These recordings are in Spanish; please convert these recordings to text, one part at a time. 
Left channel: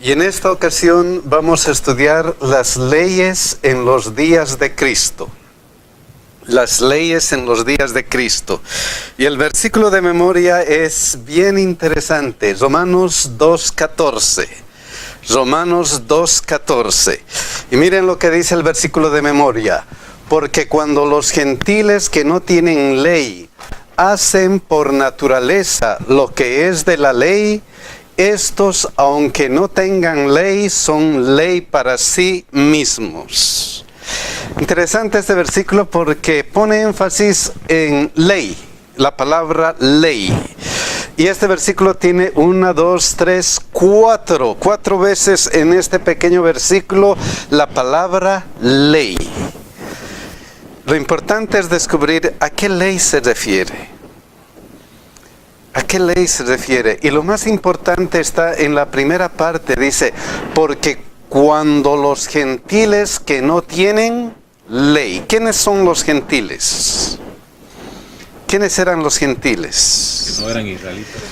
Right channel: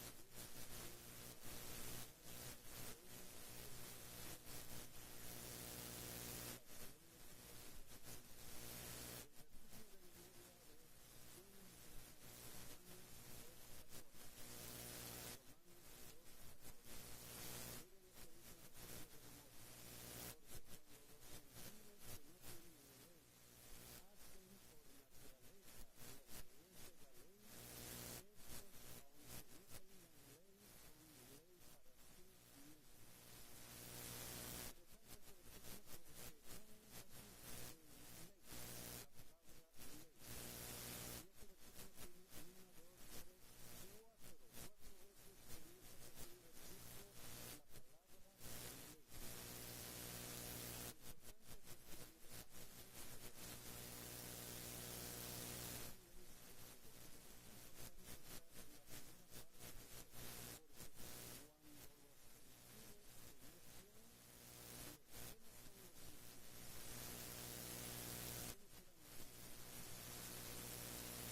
Y en esta ocasión vamos a estudiar las leyes en los días de Cristo. Las leyes en los días de Cristo. Y el versículo de memoria es bien interesante. Romanos 2:14. Romanos 2:14. Y miren lo que dice el versículo de memoria. Porque cuando los gentiles que no tienen ley hacen por naturaleza lo que es de la ley, estos, aunque no tengan ley, son ley para sí mismos. Interesante este versículo porque pone énfasis en ley, la palabra ley. Y este versículo tiene 4 veces en este pequeño versículo la palabra ley. Lo importante es descubrir a qué ley se refiere. ¿A qué ley se refiere? Y lo más importante está en la primera parte, dice, porque cuando los gentiles que no tienen ley. ¿Quiénes son los gentiles? ¿Quiénes eran los gentiles? Que no eran israelitas.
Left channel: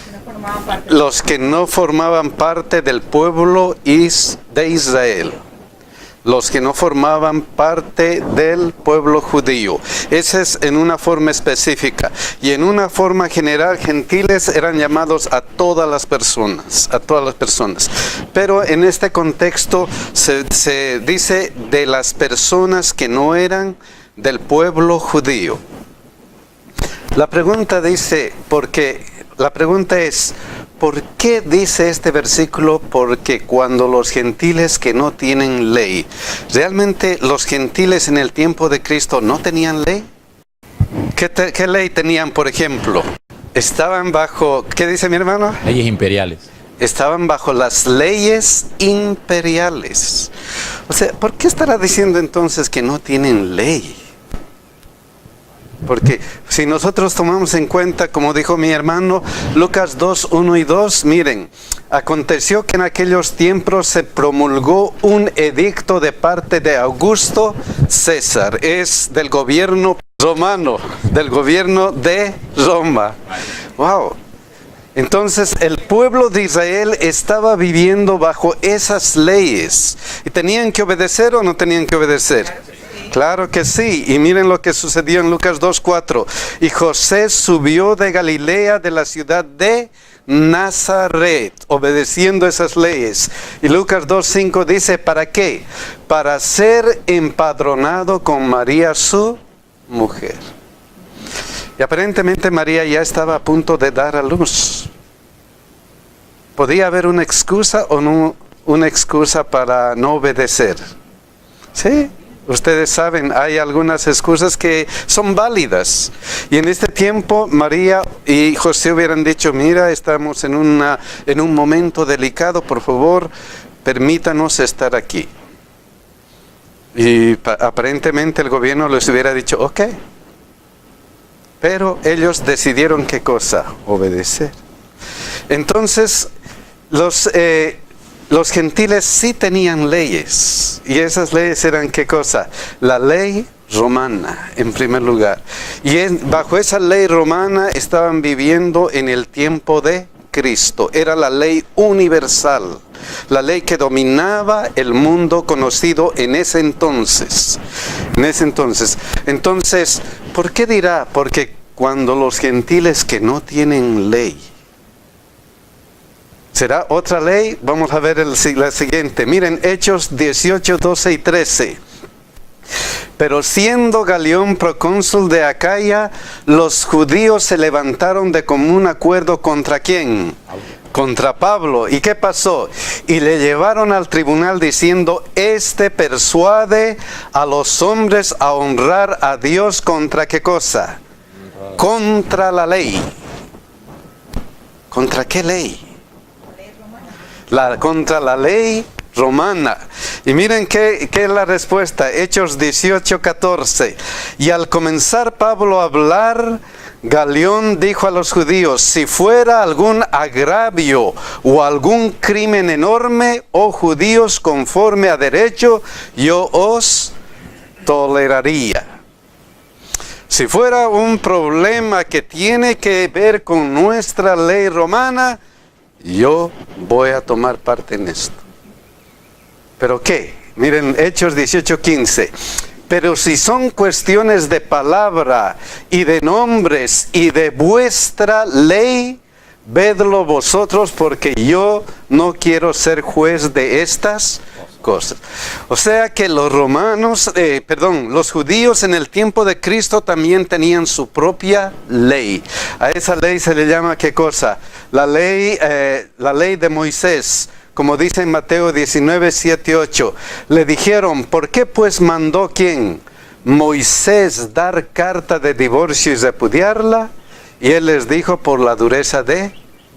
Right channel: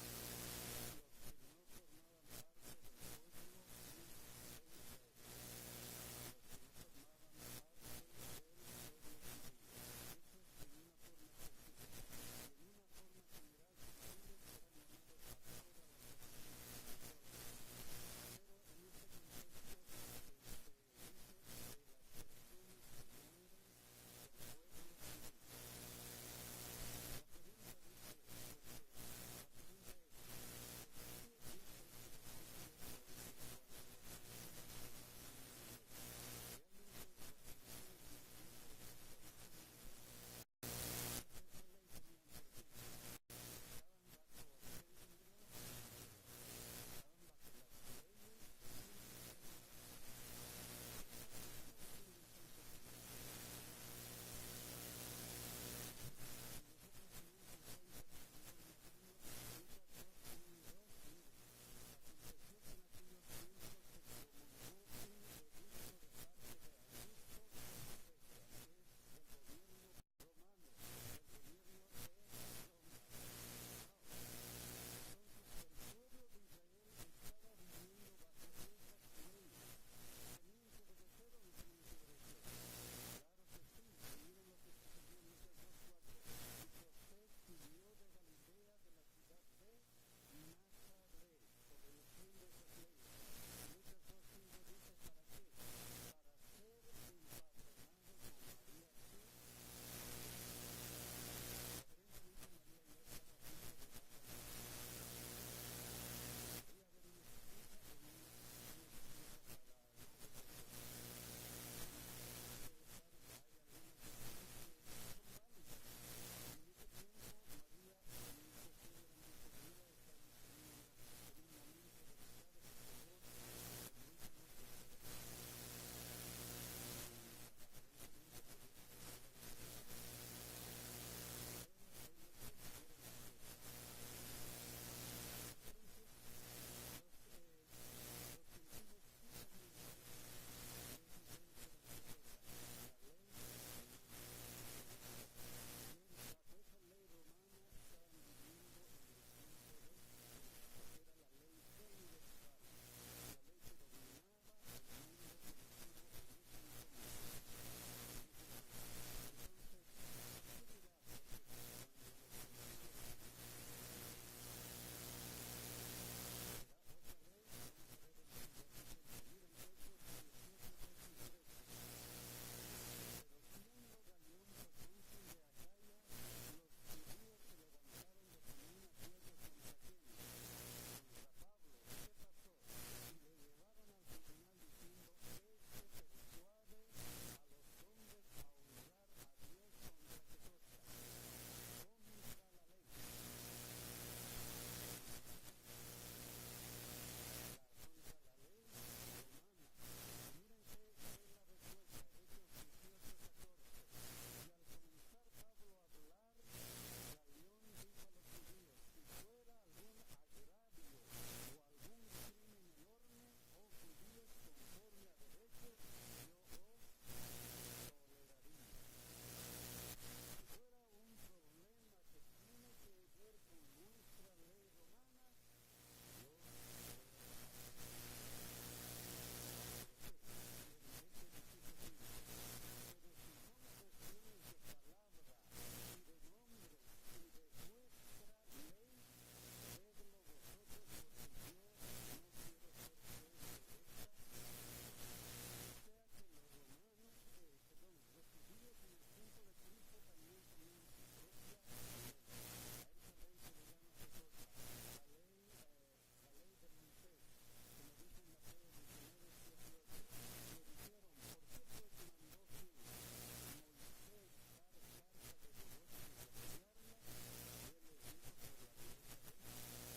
Los que no formaban parte del pueblo de Israel. Los que no formaban parte del pueblo judío. Ese es en una forma específica. Y en una forma general, gentiles eran llamados a todas las personas. A todas las personas. Pero en este contexto se dice de las personas que no eran del pueblo judío. La pregunta es, ¿por qué dice este versículo? Porque cuando los gentiles que no tienen ley, ¿realmente los gentiles en el tiempo de Cristo no tenían ley? ¿Qué ley tenían, por ejemplo? Estaban bajo, ¿qué dice mi hermano? Leyes imperiales. Estaban bajo las leyes imperiales. O sea, ¿por qué estará diciendo entonces que no tienen ley? Porque si nosotros tomamos en cuenta, como dijo mi hermano, Lucas 2, 1 y 2, miren, aconteció que en aquellos tiempos se promulgó un edicto de parte de Augusto César, es del gobierno romano, del gobierno de Roma. ¡Wow! Entonces el pueblo de Israel estaba viviendo bajo esas leyes. ¿Y tenían que obedecer o no tenían que obedecer? Claro que sí, y miren lo que sucedió en Lucas 2:4. Y José subió de Galilea, de la ciudad de Nazaret, obedeciendo esas leyes. Y Lucas 2:5 dice, ¿para qué? Para ser empadronado con María, su mujer. Y aparentemente María ya estaba a punto de dar a luz. ¿Podía haber una excusa o no una excusa para no obedecer? ¿Sí? Ustedes saben, hay algunas excusas que son válidas. Y en este tiempo, María y José hubieran dicho, mira, estamos en un momento delicado, por favor, permítanos estar aquí. Y aparentemente el gobierno les hubiera dicho, ok. Pero ellos decidieron qué cosa, obedecer. Entonces, los gentiles sí tenían leyes, y esas leyes eran ¿qué cosa? La ley romana, en primer lugar. Y bajo esa ley romana estaban viviendo en el tiempo de Cristo. Era la ley universal, la ley que dominaba el mundo conocido en ese entonces. Entonces, ¿por qué dirá? Porque cuando los gentiles que no tienen ley, ¿será otra ley? Vamos a ver la siguiente. Miren, Hechos 18, 12 y 13. Pero siendo Galión procónsul de Acaya, los judíos se levantaron de común acuerdo ¿contra quién? Contra Pablo. ¿Y qué pasó? Y le llevaron al tribunal diciendo, este persuade a los hombres a honrar a Dios ¿contra qué cosa? Contra la ley. ¿Contra qué ley? Contra la ley romana. Y miren qué es la respuesta. Hechos 18, 14. Y al comenzar Pablo a hablar, Galión dijo a los judíos, si fuera algún agravio o algún crimen enorme, oh judíos, conforme a derecho, yo os toleraría. Si fuera un problema que tiene que ver con nuestra ley romana, yo voy a tomar parte en esto. ¿Pero qué? Miren, Hechos 18:15. Pero si son cuestiones de palabra y de nombres y de vuestra ley, vedlo vosotros, porque yo no quiero ser juez de estas cosas. O sea que los los judíos en el tiempo de Cristo también tenían su propia ley. A esa ley se le llama, ¿qué cosa? La ley de Moisés. Como dice en Mateo 19, 7, 8, le dijeron, ¿por qué pues mandó quién? Moisés dar carta de divorcio y repudiarla. Y él les dijo, por la dureza de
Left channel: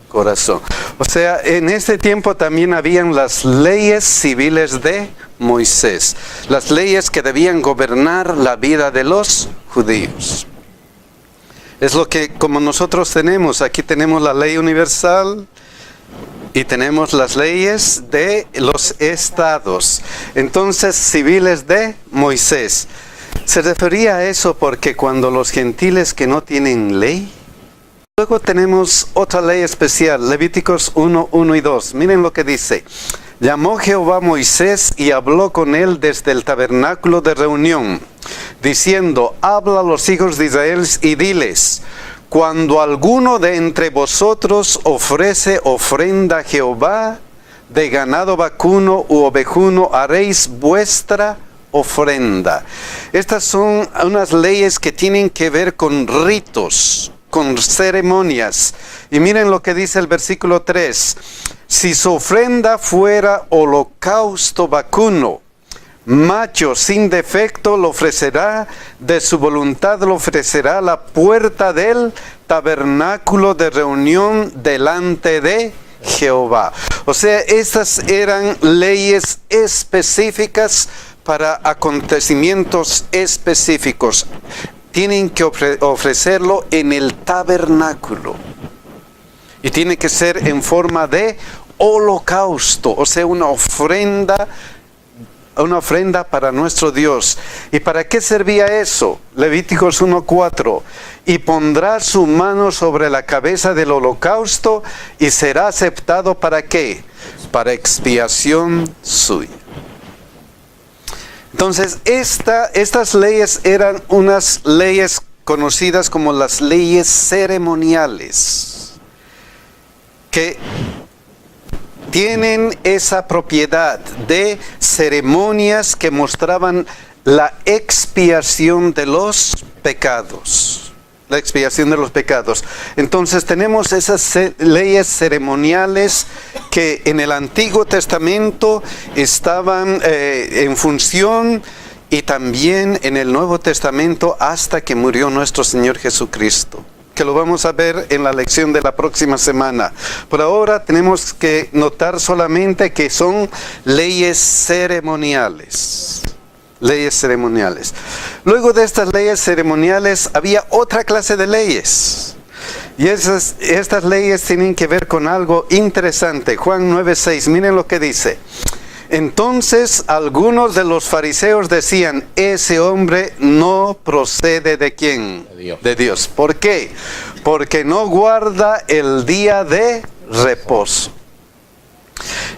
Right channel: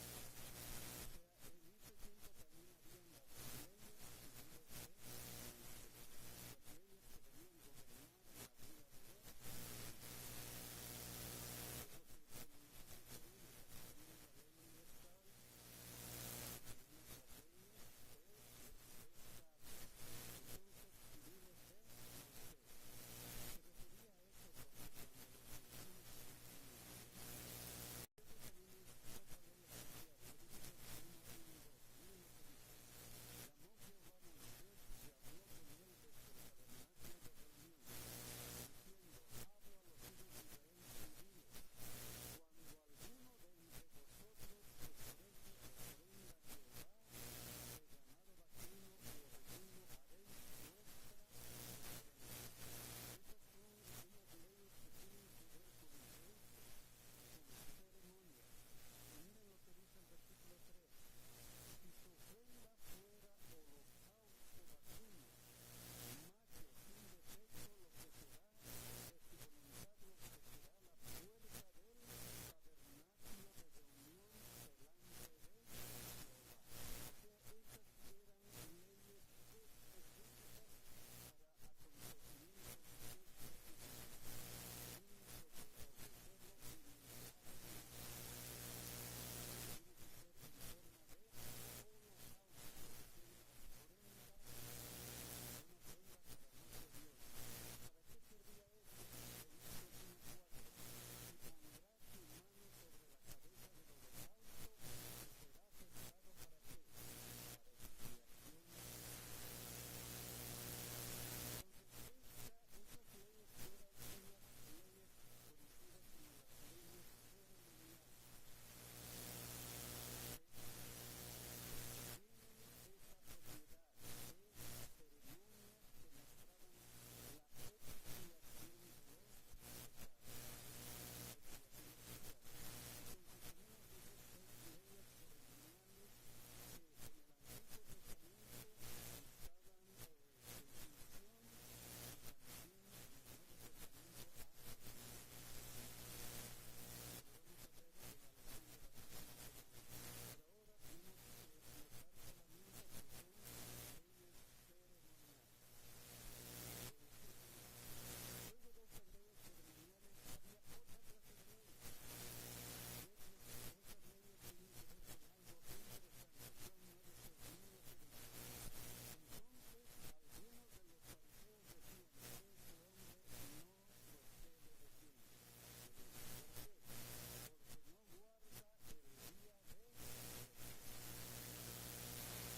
corazón. O sea, en ese tiempo también habían las leyes civiles de Moisés. Las leyes que debían gobernar la vida de los judíos. Es lo que como nosotros tenemos. Aquí tenemos la ley universal. Y tenemos las leyes de los estados. Entonces, civiles de Moisés. Se refería a eso porque cuando los gentiles que no tienen ley. Luego tenemos otra ley especial, Levíticos 1, 1 y 2. Miren lo que dice. Llamó Jehová a Moisés y habló con él desde el tabernáculo de reunión, diciendo, habla a los hijos de Israel y diles, cuando alguno de entre vosotros ofrece ofrenda a Jehová, de ganado vacuno u ovejuno, haréis vuestra ofrenda. Estas son unas leyes que tienen que ver con ritos, con ceremonias. Y miren lo que dice el versículo 3. Si su ofrenda fuera holocausto vacuno, macho sin defecto, lo ofrecerá, de su voluntad lo ofrecerá a la puerta del tabernáculo de reunión delante de Jehová. O sea, estas eran leyes específicas para acontecimientos específicos. Tienen que ofrecerlo en el tabernáculo. Y tiene que ser en forma de holocausto, o sea, una ofrenda para nuestro Dios. ¿Y para qué servía eso? Levíticos 1:4. Y pondrá su mano sobre la cabeza del holocausto y será aceptado ¿para qué? Para expiación suya. Entonces, estas leyes eran unas leyes conocidas como las leyes ceremoniales, que tienen esa propiedad de ceremonias que mostraban la expiación de los pecados. La expiación de los pecados. Entonces tenemos esas leyes ceremoniales que en el Antiguo Testamento estaban en función y también en el Nuevo Testamento hasta que murió nuestro Señor Jesucristo. Que lo vamos a ver en la lección de la próxima semana. Por ahora tenemos que notar solamente que son leyes ceremoniales. Leyes ceremoniales. Luego de estas leyes ceremoniales había otra clase de leyes. Y estas leyes tienen que ver con algo interesante. Juan 9:6, miren lo que dice. Entonces algunos de los fariseos decían, ese hombre no procede ¿de quién? De Dios. ¿Por qué? Porque no guarda el día de reposo.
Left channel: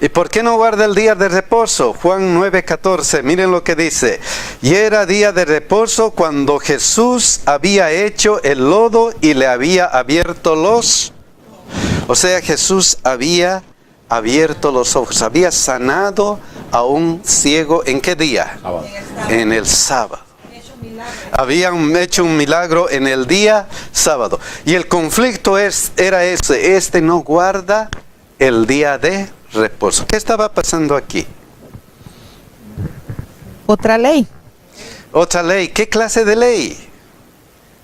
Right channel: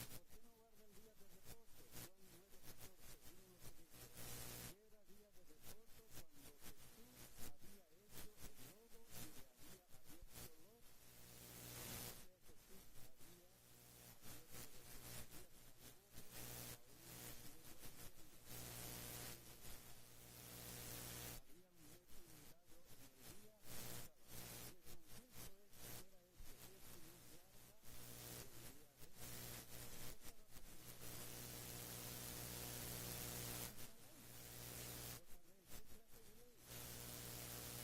¿Y por qué no guarda el día de reposo? Juan 9:14, miren lo que dice. Y era día de reposo cuando Jesús había hecho el lodo y le había abierto los... O sea, Jesús había abierto los ojos, había sanado a un ciego. ¿En qué día? Sábado. En el sábado. Habían hecho un milagro en el día sábado. Y el conflicto era ese. Este no guarda el día de reposo. ¿Qué estaba pasando aquí? Otra ley. Otra ley. ¿Qué clase de ley?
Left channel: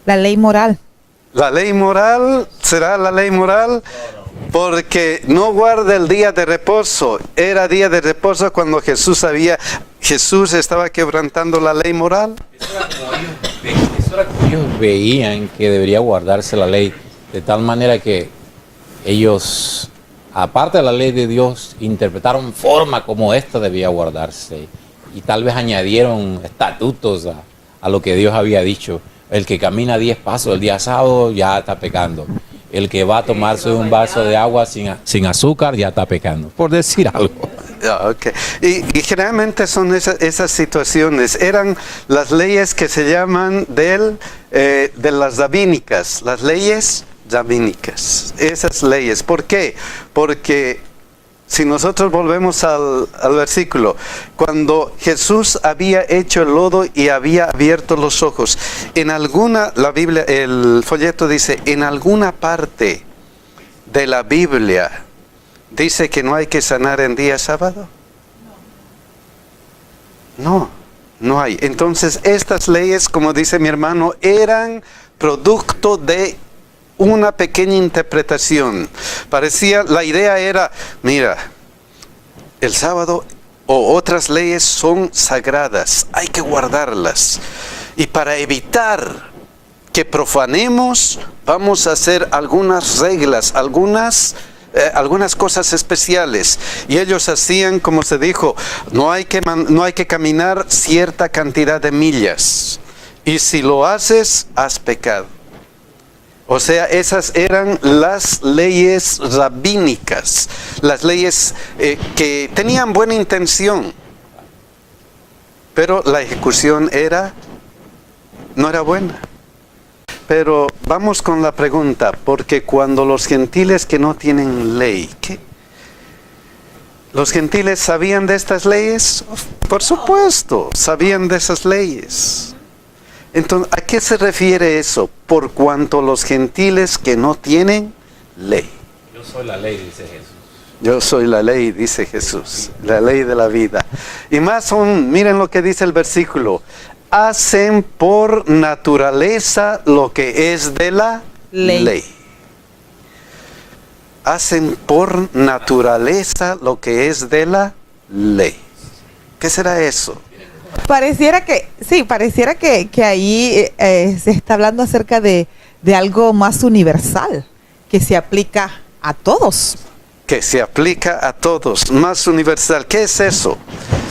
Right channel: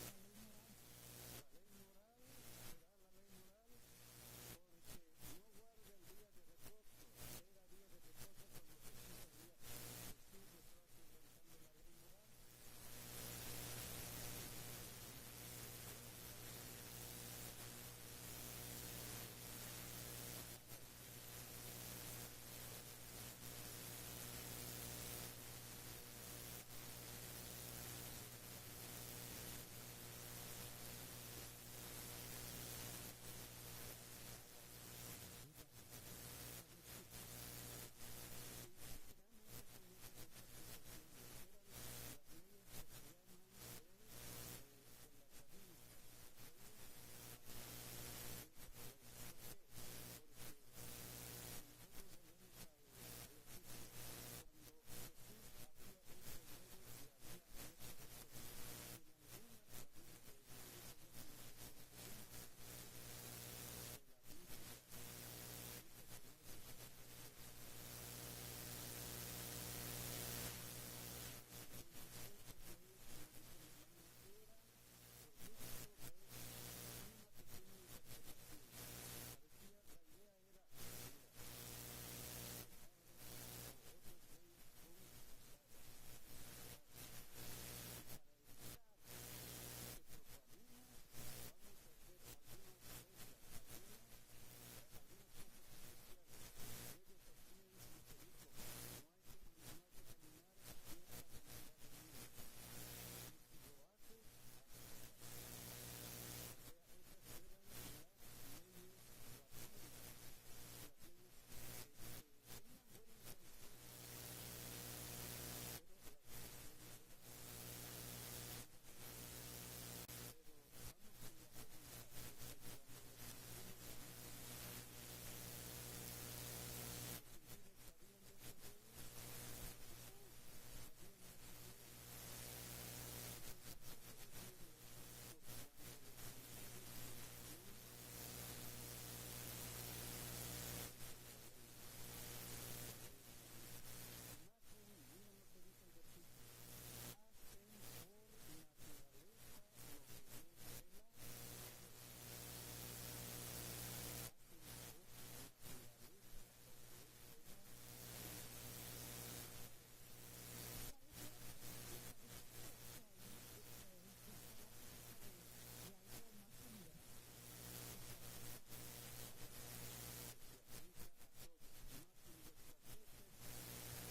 La ley moral. ¿La ley moral? ¿Será la ley moral? Porque no guarda el día de reposo. Era día de reposo cuando Jesús estaba quebrantando la ley moral. Eso era como ellos veían que debería guardarse la ley, de tal manera que ellos, aparte de la ley de Dios, interpretaron forma como esta debía guardarse y tal vez añadieron estatutos a lo que Dios había dicho. El que camina 10 pasos el día sábado ya está pecando. El que va a tomarse un vaso de agua sin azúcar ya está pecando, por decir algo. Ok. Y generalmente son esas situaciones. Eran las leyes que se llaman de las rabínicas, las leyes rabínicas. Esas leyes. ¿Por qué? Porque si nosotros volvemos al versículo, cuando Jesús había hecho el lodo y había abierto los ojos, la Biblia, el folleto dice, en alguna parte de la Biblia dice que no hay que sanar en día sábado. No, no hay. Entonces estas leyes, como dice mi hermano, eran producto de una pequeña interpretación. La idea era, mira, el sábado o otras leyes son sagradas, hay que guardarlas. Y para evitar que profanemos, vamos a hacer algunas reglas, algunas cosas especiales. Y ellos hacían, como se dijo, no hay que caminar cierta cantidad de millas. Y si lo haces, has pecado. O sea, esas eran las leyes rabínicas, las leyes que tenían buena intención, pero la ejecución no era buena. Pero vamos con la pregunta, porque cuando los gentiles que no tienen ley, ¿qué? ¿Los gentiles sabían de estas leyes? Por supuesto, sabían de esas leyes. Entonces, ¿a qué se refiere eso? Por cuanto los gentiles que no tienen ley. Yo soy la ley, dice Jesús. Yo soy la ley, dice Jesús, la ley de la vida. Y más aún, miren lo que dice el versículo. Hacen por naturaleza lo que es de la ley. Hacen por naturaleza lo que es de la ley. ¿Qué será eso? Pareciera que ahí se está hablando acerca de algo más universal, que se aplica a todos. Que se aplica a todos, más universal. ¿Qué es eso?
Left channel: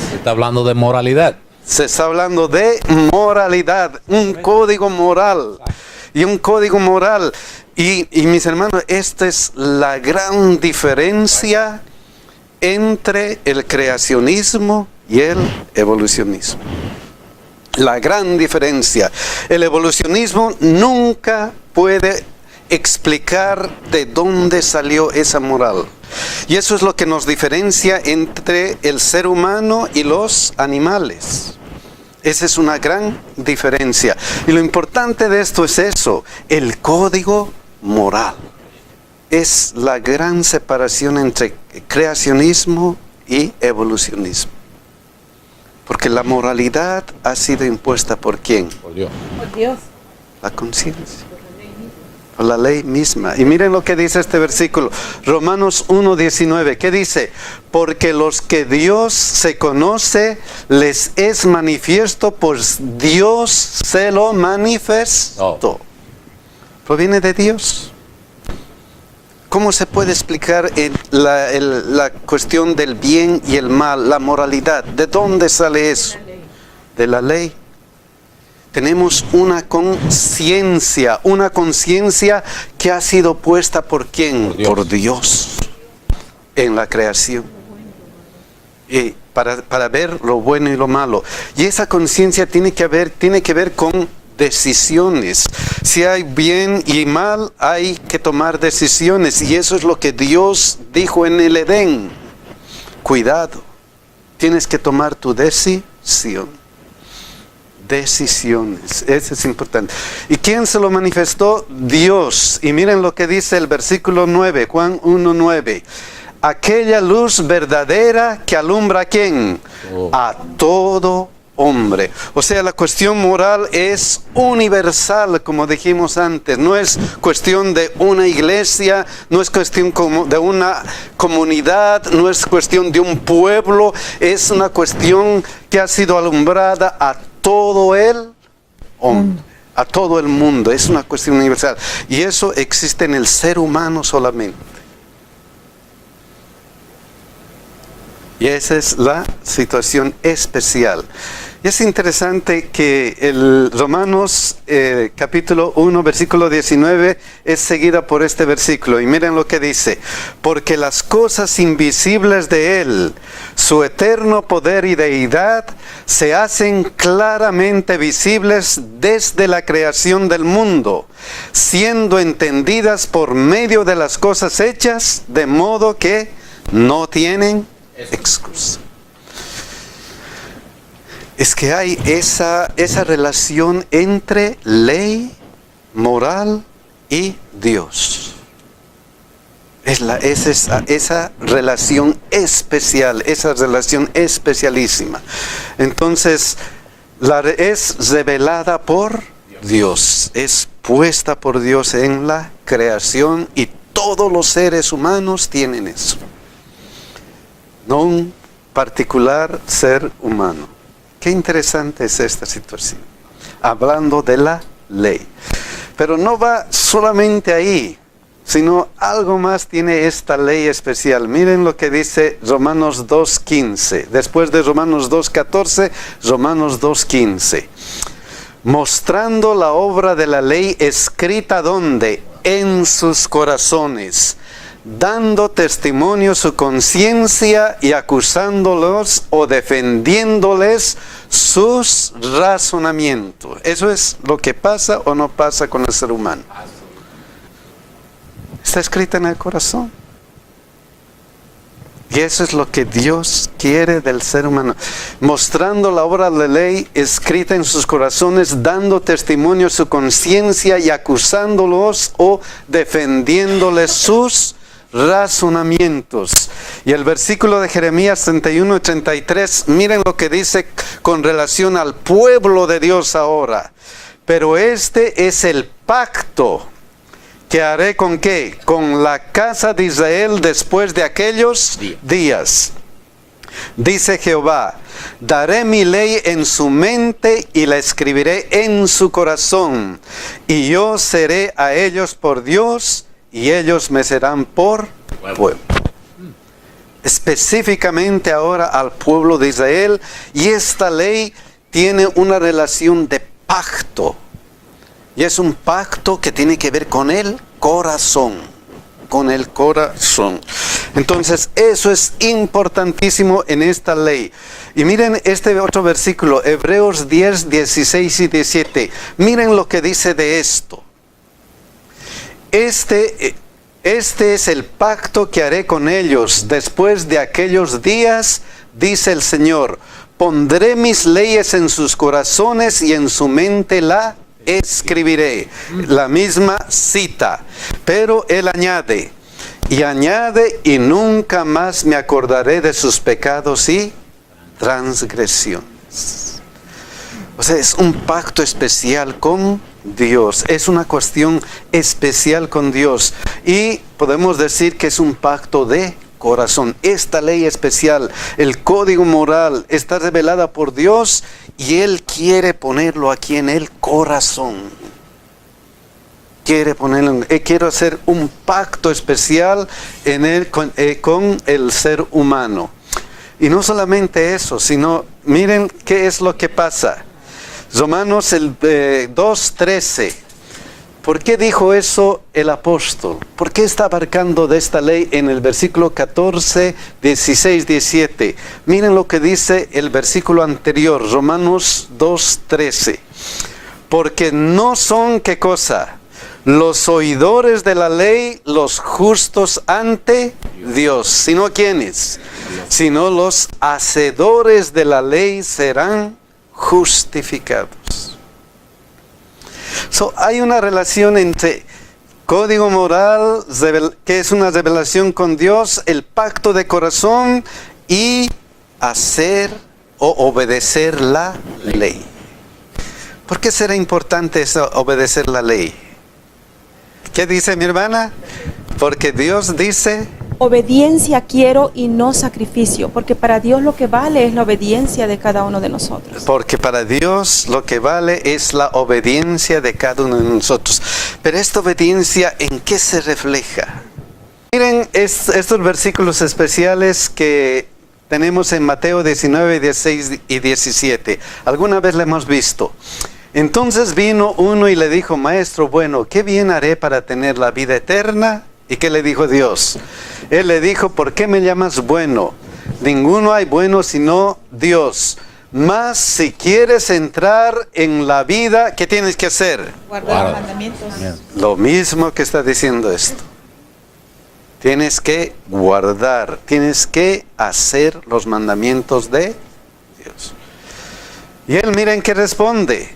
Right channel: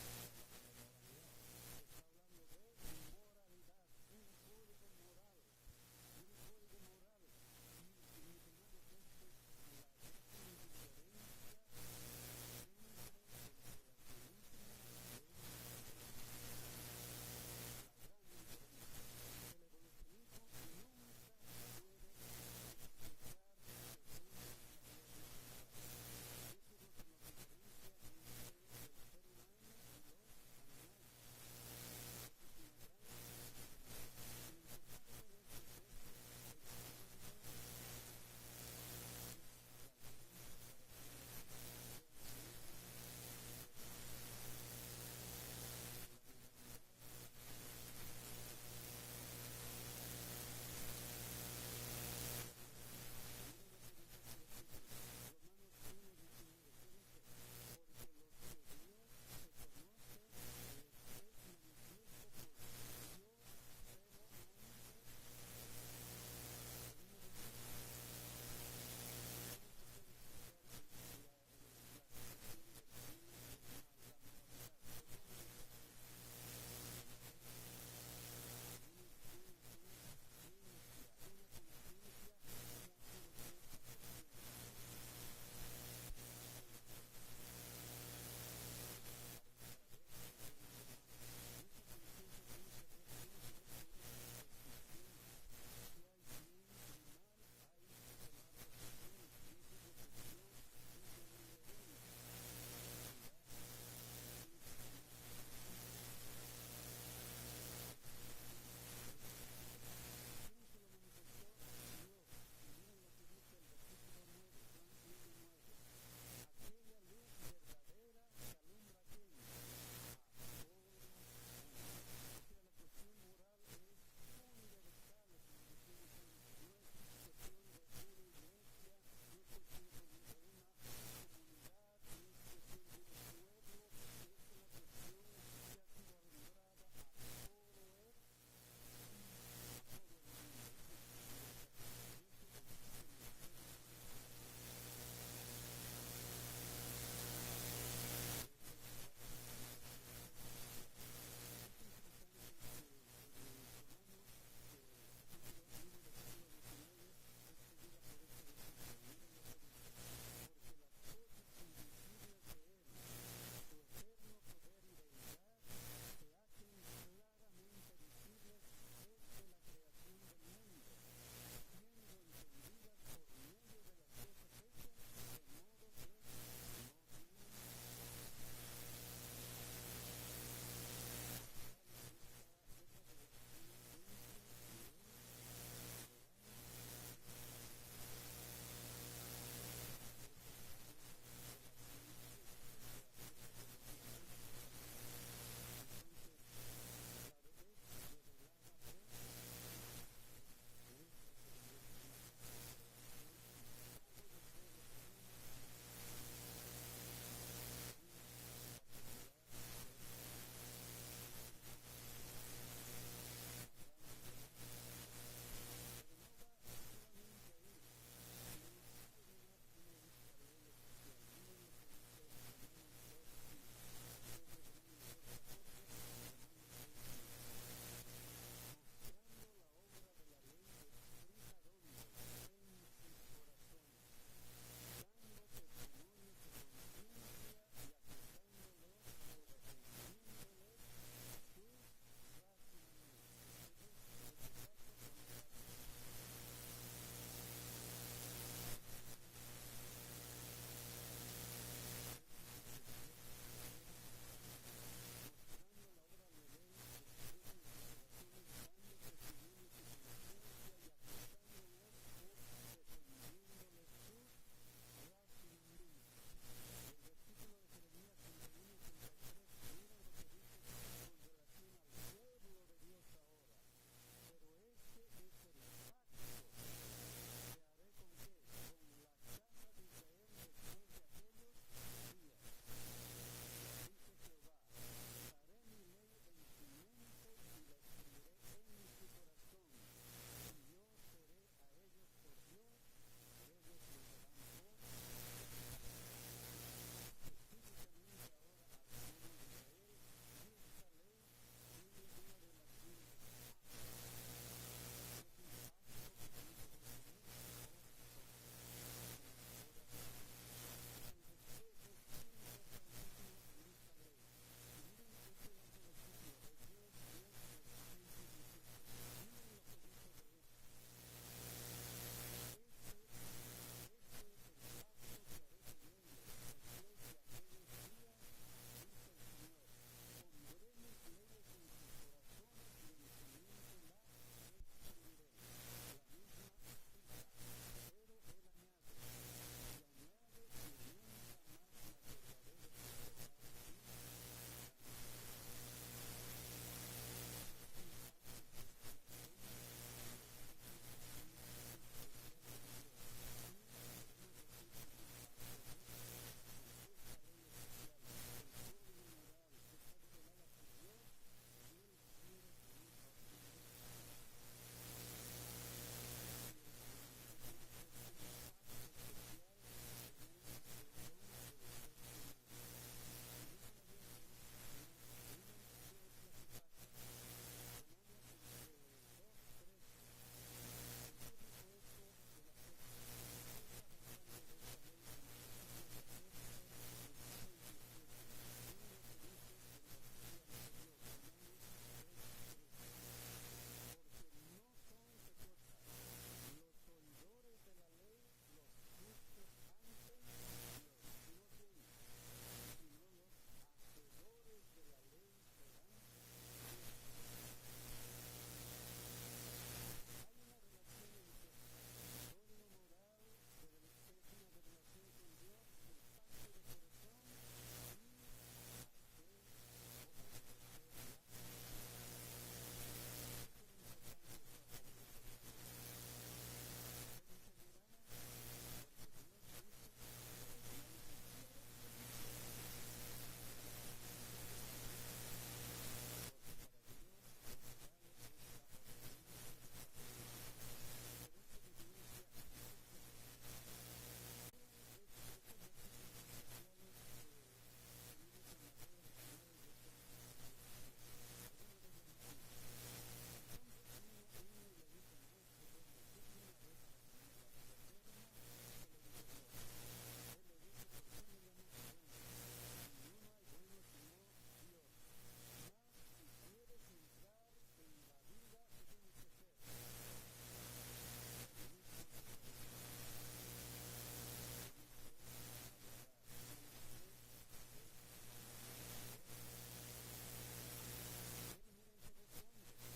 Se está hablando de moralidad. Se está hablando de moralidad, un código moral. Y un código moral. Y mis hermanos, esta es la gran diferencia entre el creacionismo y el evolucionismo. La gran diferencia. El evolucionismo nunca puede explicar de dónde salió esa moral. Y eso es lo que nos diferencia entre el ser humano y los animales. Esa es una gran diferencia. Y lo importante de esto es eso, el código moral. Es la gran separación entre creacionismo y evolucionismo. Porque la moralidad ha sido impuesta ¿por quién? Por Dios. Por Dios. La conciencia. Por la ley misma. Y miren lo que dice este versículo. Romanos 1:19. ¿Qué dice? Porque los que Dios se conoce, les es manifiesto, pues Dios se lo manifestó. Oh. Proviene de Dios. ¿Cómo se puede explicar la cuestión del bien y el mal, la moralidad? ¿De dónde sale eso? De la ley. Tenemos una conciencia que ha sido puesta ¿por quién? Por Dios en la creación. Y para ver lo bueno y lo malo. Y esa conciencia tiene que ver con decisiones. Si hay bien y mal, hay que tomar decisiones. Y eso es lo que Dios dijo en el Edén. Cuidado, tienes que tomar tu decisión. Decisiones, eso es importante. ¿Y quién se lo manifestó? Dios. Y miren lo que dice el versículo 9, Juan 1:9. Aquella luz verdadera que alumbra ¿a quién? A todo hombre. O sea, la cuestión moral es universal, como dijimos antes. No es cuestión de una iglesia, no es cuestión de una comunidad, no es cuestión de un pueblo, es una cuestión que ha sido alumbrada a todo el hombre, a todo el mundo. Es una cuestión universal. Y eso existe en el ser humano solamente. Y esa es la situación especial. Y es interesante que el Romanos capítulo 1, versículo 19 es seguida por este versículo. Y miren lo que dice. Porque las cosas invisibles de Él, su eterno poder y deidad, se hacen claramente visibles desde la creación del mundo, siendo entendidas por medio de las cosas hechas, de modo que no tienen excusa. Es que hay esa relación entre ley, moral y Dios. Es esa relación especial, esa relación especialísima. Entonces, es revelada por Dios, es puesta por Dios en la creación y todos los seres humanos tienen eso. No un particular ser humano. Qué interesante es esta situación, hablando de la ley. Pero no va solamente ahí, sino algo más tiene esta ley especial. Miren lo que dice Romanos 2.15. Después de Romanos 2.14, Romanos 2.15. Mostrando la obra de la ley escrita ¿dónde? En sus corazones, dando testimonio su conciencia y acusándolos o defendiéndoles sus razonamientos. Eso es lo que pasa o no pasa con el ser humano. Está escrita en el corazón. Y eso es lo que Dios quiere del ser humano. Mostrando la obra de la ley escrita en sus corazones, dando testimonio su conciencia y acusándolos o defendiéndoles sus razonamientos. Y el versículo de Jeremías 31 y 33, miren lo que dice con relación al pueblo de Dios ahora. Pero este es el pacto que haré ¿con qué? Con la casa de Israel después de aquellos días. Dice Jehová, daré mi ley en su mente y la escribiré en su corazón. Y yo seré a ellos por Dios y ellos me serán por pueblo. Específicamente ahora al pueblo de Israel. Y esta ley tiene una relación de pacto. Y es un pacto que tiene que ver con el corazón. Con el corazón. Entonces eso es importantísimo en esta ley. Y miren este otro versículo, Hebreos 10, 16 y 17. Miren lo que dice de esto. Este es el pacto que haré con ellos después de aquellos días, dice el Señor. Pondré mis leyes en sus corazones y en su mente la escribiré. La misma cita. Pero él añade, y nunca más me acordaré de sus pecados y transgresiones. O sea, es un pacto especial con Dios. Es una cuestión especial con Dios. Y podemos decir que es un pacto de corazón. Esta ley especial, el código moral, está revelada por Dios y Él quiere ponerlo aquí en el corazón. Quiere ponerlo, quiero hacer un pacto especial en él, con el ser humano. Y no solamente eso, sino miren qué es lo que pasa. Romanos 2:13. ¿Por qué dijo eso el apóstol? ¿Por qué está abarcando de esta ley en el versículo 14, 16, 17? Miren lo que dice el versículo anterior, Romanos 2:13. Porque no son, ¿qué cosa? Los oidores de la ley, los justos ante Dios. ¿Sino quiénes? Sino los hacedores de la ley serán justificados. Hay una relación entre código moral, que es una revelación con Dios, el pacto de corazón y hacer o obedecer la ley. ¿Por qué será importante eso, obedecer la ley? ¿Qué dice mi hermana? Porque Dios dice... Obediencia quiero y no sacrificio, porque para Dios lo que vale es la obediencia de cada uno de nosotros. Porque para Dios lo que vale es la obediencia de cada uno de nosotros. Pero esta obediencia, ¿en qué se refleja? Miren estos versículos especiales que tenemos en Mateo 19, 16 y 17. ¿Alguna vez la hemos visto? Entonces vino uno y le dijo, maestro, bueno, ¿qué bien haré para tener la vida eterna? ¿Y qué le dijo Dios? Él le dijo, ¿por qué me llamas bueno? Ninguno hay bueno sino Dios. Mas si quieres entrar en la vida, ¿qué tienes que hacer? Guardar los mandamientos. Lo mismo que está diciendo esto. Tienes que guardar, tienes que hacer los mandamientos de Dios. Y él, miren qué responde.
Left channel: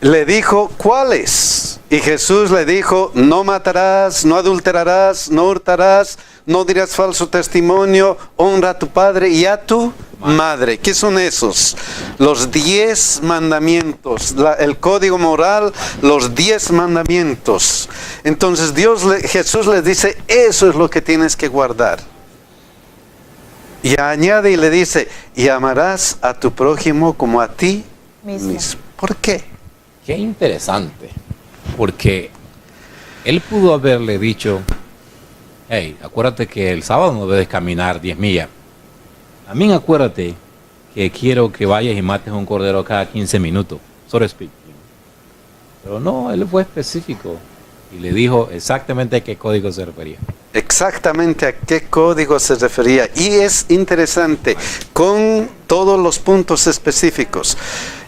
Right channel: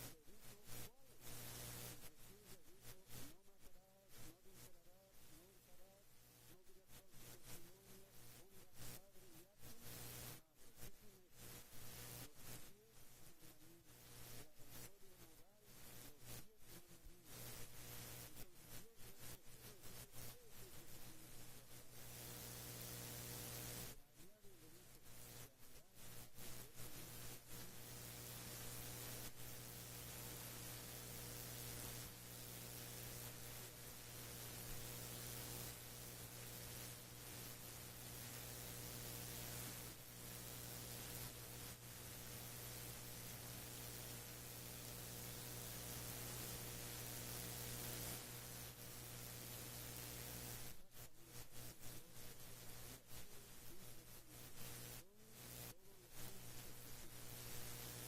Le dijo, ¿cuáles? Y Jesús le dijo, no matarás, no adulterarás, no hurtarás, no dirás falso testimonio, honra a tu padre y a tu madre. ¿Qué son esos? Los 10 mandamientos, el código moral, los 10 mandamientos. Entonces Jesús les dice, eso es lo que tienes que guardar. Y añade y le dice, y amarás a tu prójimo como a ti mismo. ¿Por qué? Qué interesante, porque él pudo haberle dicho, hey, acuérdate que el sábado no debes caminar 10 millas. También acuérdate que quiero que vayas y mates un cordero cada 15 minutos, so to speak. Pero no, él fue específico y le dijo exactamente a qué código se refería. Exactamente a qué código se refería. Y es interesante, con todos los puntos específicos.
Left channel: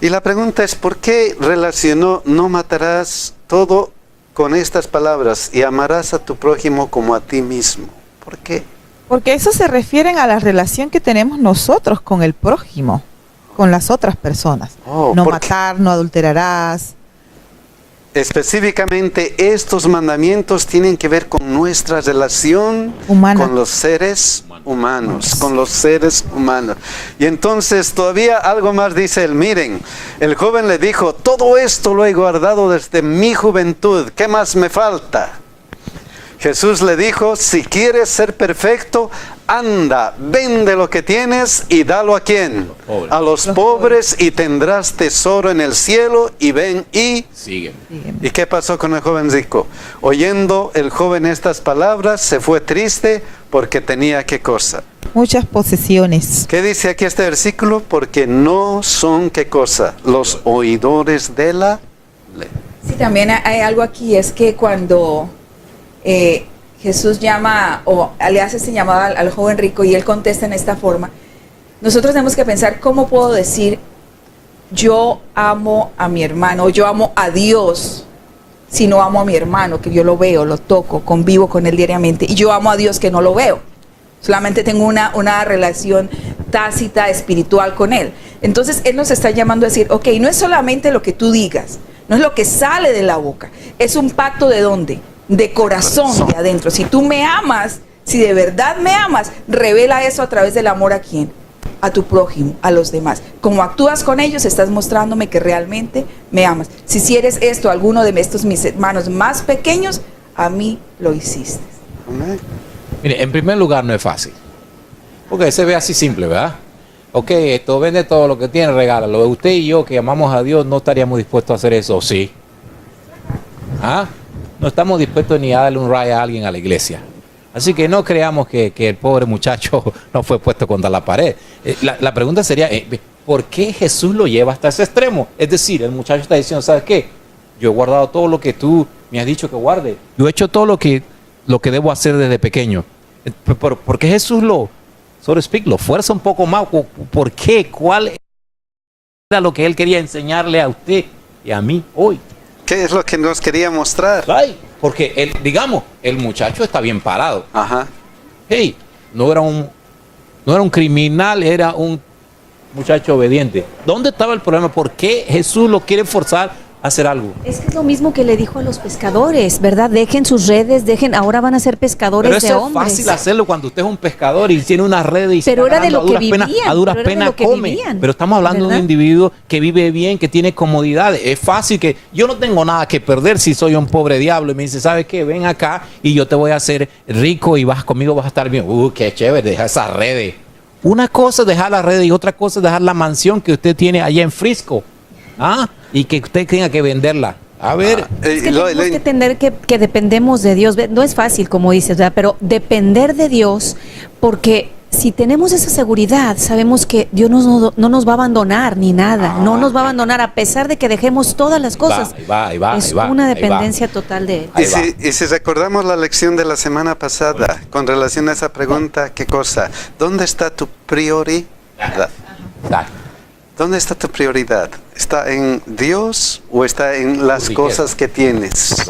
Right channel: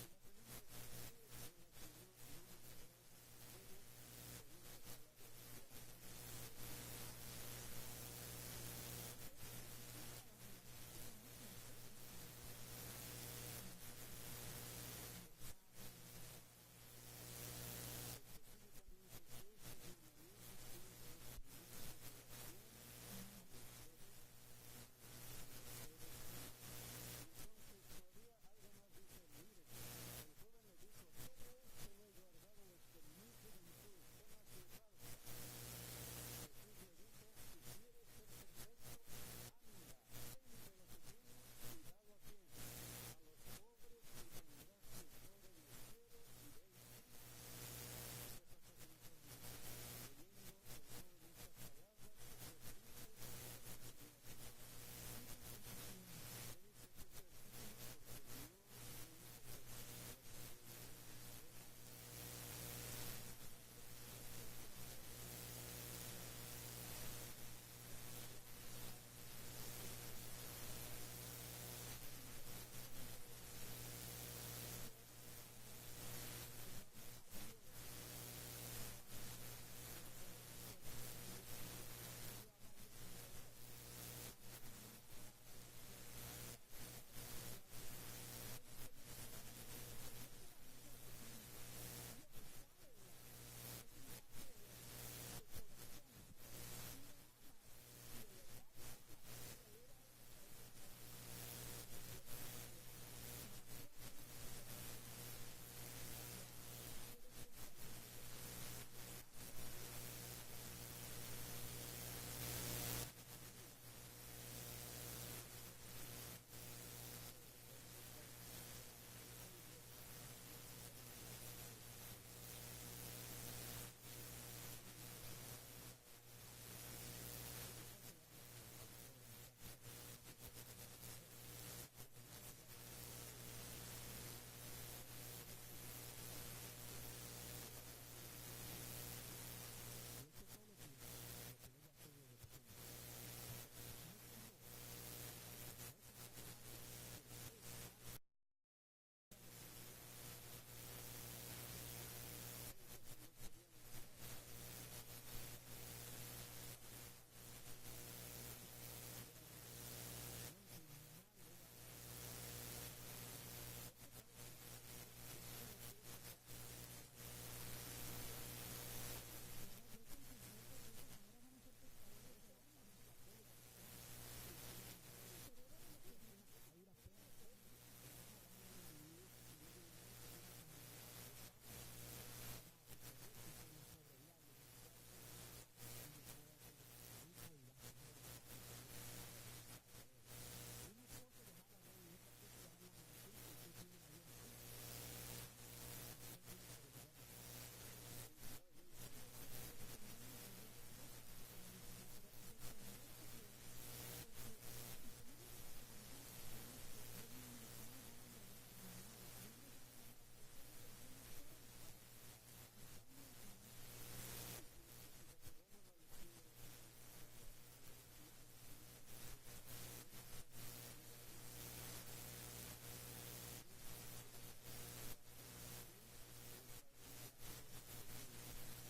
Y la pregunta es, ¿por qué relacionó no matarás todo con estas palabras y amarás a tu prójimo como a ti mismo? ¿Por qué? Porque eso se refiere a la relación que tenemos nosotros con el prójimo, con las otras personas. No matar, no adulterarás. Específicamente estos mandamientos tienen que ver con nuestra relación humana, con los seres humanos, con los seres humanos. Y entonces todavía algo más dice él. Miren, el joven le dijo, todo esto lo he guardado desde mi juventud, ¿qué más me falta? Jesús le dijo, si quieres ser perfecto, anda, vende lo que tienes y dalo ¿a quién? A los pobres, y tendrás tesoro en el cielo, y ven y sigue. ¿Y qué pasó con el joven rico? Oyendo el joven estas palabras, se fue triste porque tenía ¿qué cosa? Muchas posesiones. ¿Qué dice aquí este versículo? Porque no son ¿qué cosa? Los oidores de la ley. Sí, también hay algo aquí, es que cuando Jesús llama o le hace ese llamado al joven rico y él contesta en esta forma, nosotros tenemos que pensar, ¿cómo puedo decir yo amo a mi hermano, yo amo a Dios, si no amo a mi hermano, que yo lo veo, lo toco, convivo con él diariamente, y yo amo a Dios que no lo veo? Solamente tengo una relación tácita, espiritual con él. Entonces él nos está llamando a decir, ok, no es solamente lo que tú digas, no es lo que sale de la boca, es un pacto ¿de dónde? De corazón, de adentro. Si tú me amas, si de verdad me amas, revela eso a través del amor ¿a quién? A tu prójimo, a los demás. Como actúas con ellos, estás mostrándome que realmente me amas. Si hicieres esto a alguno de estos mis hermanos más pequeños, a mí lo hiciste. Mire, en primer lugar no es fácil, porque se ve así simple, ¿verdad? Ok, esto vende todo lo que tiene, regálalo. Usted y yo que amamos a Dios no estaríamos dispuestos a hacer eso, ¿sí? ¿Ah? No estamos dispuestos ni a darle un rayo a alguien a la iglesia. Así que no creamos que el pobre muchacho no fue puesto contra la pared. La pregunta sería, ¿por qué Jesús lo lleva hasta ese extremo? Es decir, el muchacho está diciendo, ¿sabes qué? Yo he guardado todo lo que tú me has dicho que guarde. Yo he hecho todo lo que debo hacer desde pequeño. ¿Por qué Jesús lo fuerza un poco más? ¿Por qué? ¿Cuál era lo que él quería enseñarle a usted y a mí hoy? ¿Qué es lo que nos quería mostrar? Ay, porque el muchacho está bien parado. Ajá. Hey, no era un criminal, era un muchacho obediente. ¿Dónde estaba el problema? ¿Por qué Jesús lo quiere forzar a hacer algo? Es que es lo mismo que le dijo a los pescadores, ¿verdad? Dejen sus redes, ahora van a ser pescadores de hombres. Pero eso es fácil hacerlo cuando usted es un pescador y tiene una red y pero era de lo que vivían. A duras penas come. Pero estamos hablando de un individuo que vive bien, que tiene comodidades. Es fácil que yo no tengo nada que perder si soy un pobre diablo y me dice, ¿sabes qué? Ven acá y yo te voy a hacer rico y conmigo vas a estar bien. Qué chévere, deja esas redes. Una cosa es dejar las redes y otra cosa es dejar la mansión que usted tiene allá en Frisco. Y que usted tenga que venderla. A ver. Es que tenemos que entender que dependemos de Dios. No es fácil, como dices, ¿verdad? Pero depender de Dios, porque si tenemos esa seguridad, sabemos que Dios no nos va a abandonar ni nada, no nos va a abandonar a pesar de que dejemos todas las cosas. Es una dependencia total de Él. Y si recordamos la lección de la semana pasada con relación a esa pregunta, ¿qué cosa? ¿Dónde está tu prioridad? ¿Dónde está tu prioridad? ¿Está en Dios o está en las cosas que tienes?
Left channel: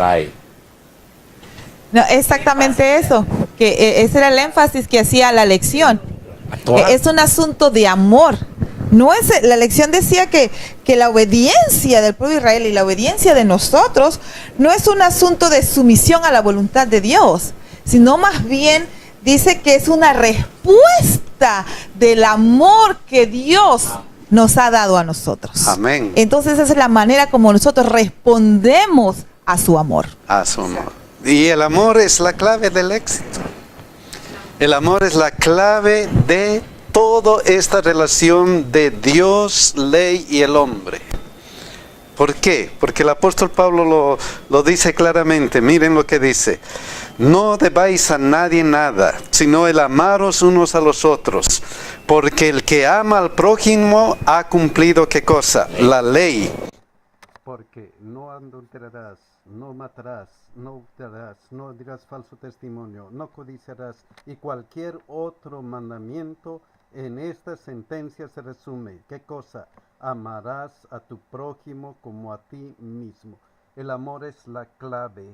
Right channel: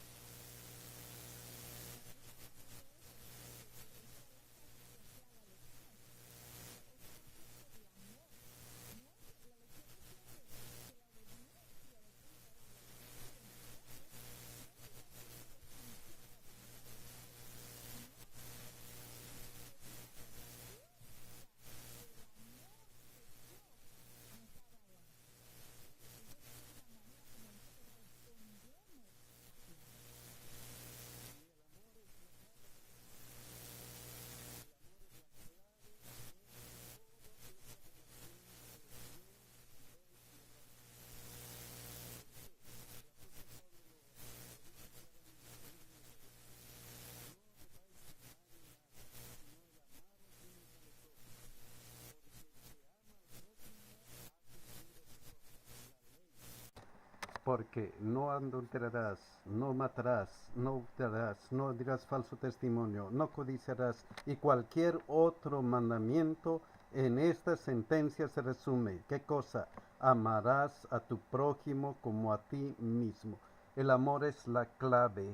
No, exactamente eso, que ese era el énfasis que hacía la lección. Es un asunto de amor. No es, la lección decía que la obediencia del pueblo de Israel y la obediencia de nosotros no es un asunto de sumisión a la voluntad de Dios, sino más bien dice que es una respuesta del amor que Dios nos ha dado a nosotros. Amén. Entonces esa es la manera como nosotros respondemos a su amor. A su amor. Y el amor es la clave del éxito. El amor es la clave de toda esta relación de Dios, ley y el hombre. ¿Por qué? Porque el apóstol Pablo lo dice claramente. Miren lo que dice. No debáis a nadie nada, sino el amaros unos a los otros. Porque el que ama al prójimo ha cumplido, ¿qué cosa? La ley. Porque no adulterarás, no matarás, no hurtarás, no dirás falso testimonio, no codiciarás, y cualquier otro mandamiento en esta sentencia se resume. ¿Qué cosa? Amarás a tu prójimo como a ti mismo. El amor es la clave.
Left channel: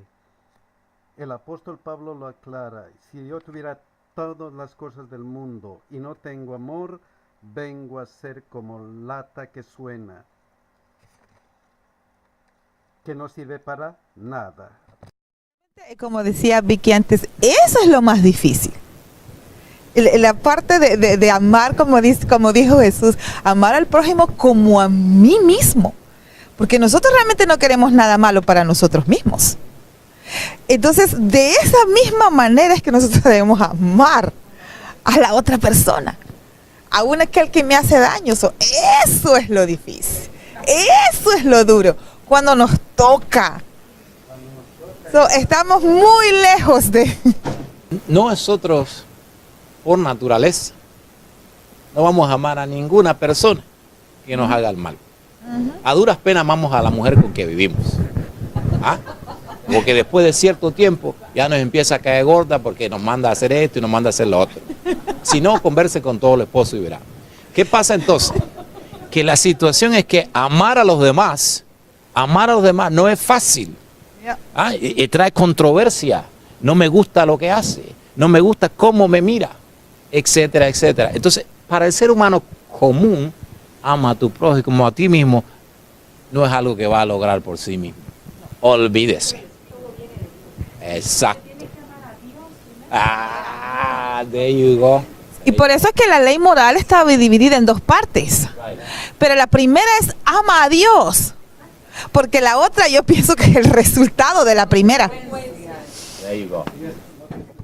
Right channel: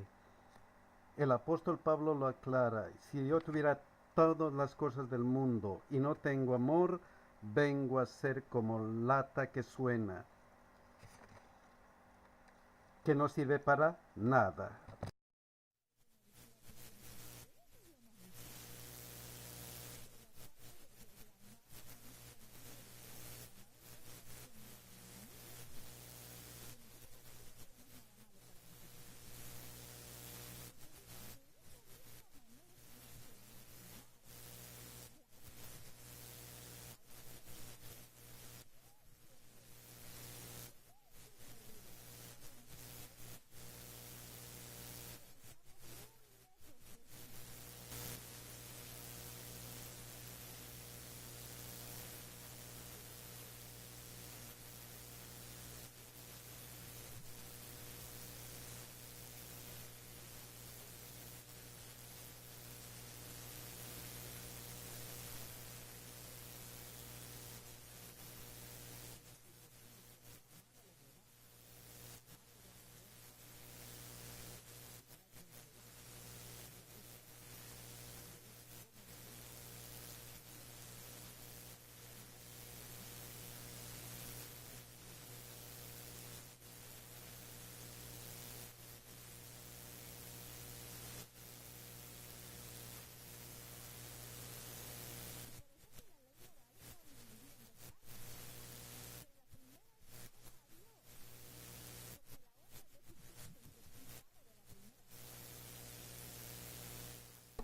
El apóstol Pablo lo aclara. Si yo tuviera todas las cosas del mundo y no tengo amor, vengo a ser como lata que suena, que no sirve para nada. Como decía Vicky antes, eso es lo más difícil. La parte de amar, como dijo Jesús, amar al prójimo como a mí mismo. Porque nosotros realmente no queremos nada malo para nosotros mismos. Entonces, de esa misma manera es que nosotros debemos amar a la otra persona. Aún aquel que me hace daño. Eso es lo difícil. Eso es lo duro. Cuando nos toca. Estamos muy lejos de... Nosotros, por naturaleza, no vamos a amar a ninguna persona que nos haga el mal. A duras penas amamos a la mujer con que vivimos. ¿Ah? Porque después de cierto tiempo ya nos empieza a caer gorda porque nos manda a hacer esto y nos manda a hacer lo otro. Si no, converse con todo el esposo y verá. ¿Qué pasa entonces? Que la situación es que amar a los demás no es fácil. Y trae controversia. No me gusta lo que hace, no me gusta cómo me mira, etcétera, etcétera. Entonces, para el ser humano común, ama a tu prójimo como a ti mismo, no es algo que va a lograr por sí mismo. Olvídese. Exacto. There you go. Y por eso es que la ley moral está dividida en dos partes. Pero la primera es ama a Dios. Porque la otra yo pienso que es el resultado de la primera. There you go.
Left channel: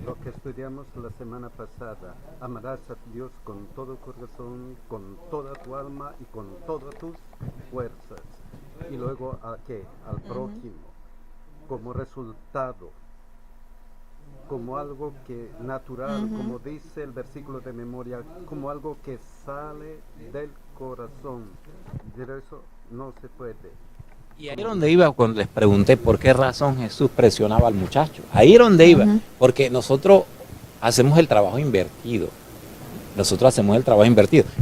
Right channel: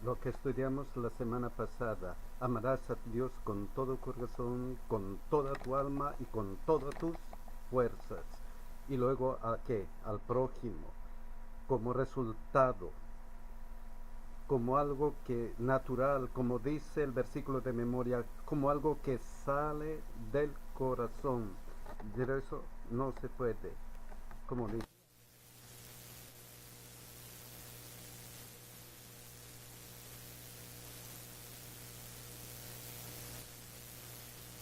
Lo que estudiamos la semana pasada, amarás a Dios con todo corazón, con toda tu alma y con todas tus fuerzas. Y luego, ¿a qué? Al prójimo, como resultado, como algo que natural, como dice el versículo de memoria, como algo que sale del corazón. De eso no se puede. Y ahí es donde iba cuando les pregunté por qué razón Jesús presionaba al muchacho. Ahí es donde iba, porque nosotros hacemos el trabajo invertido.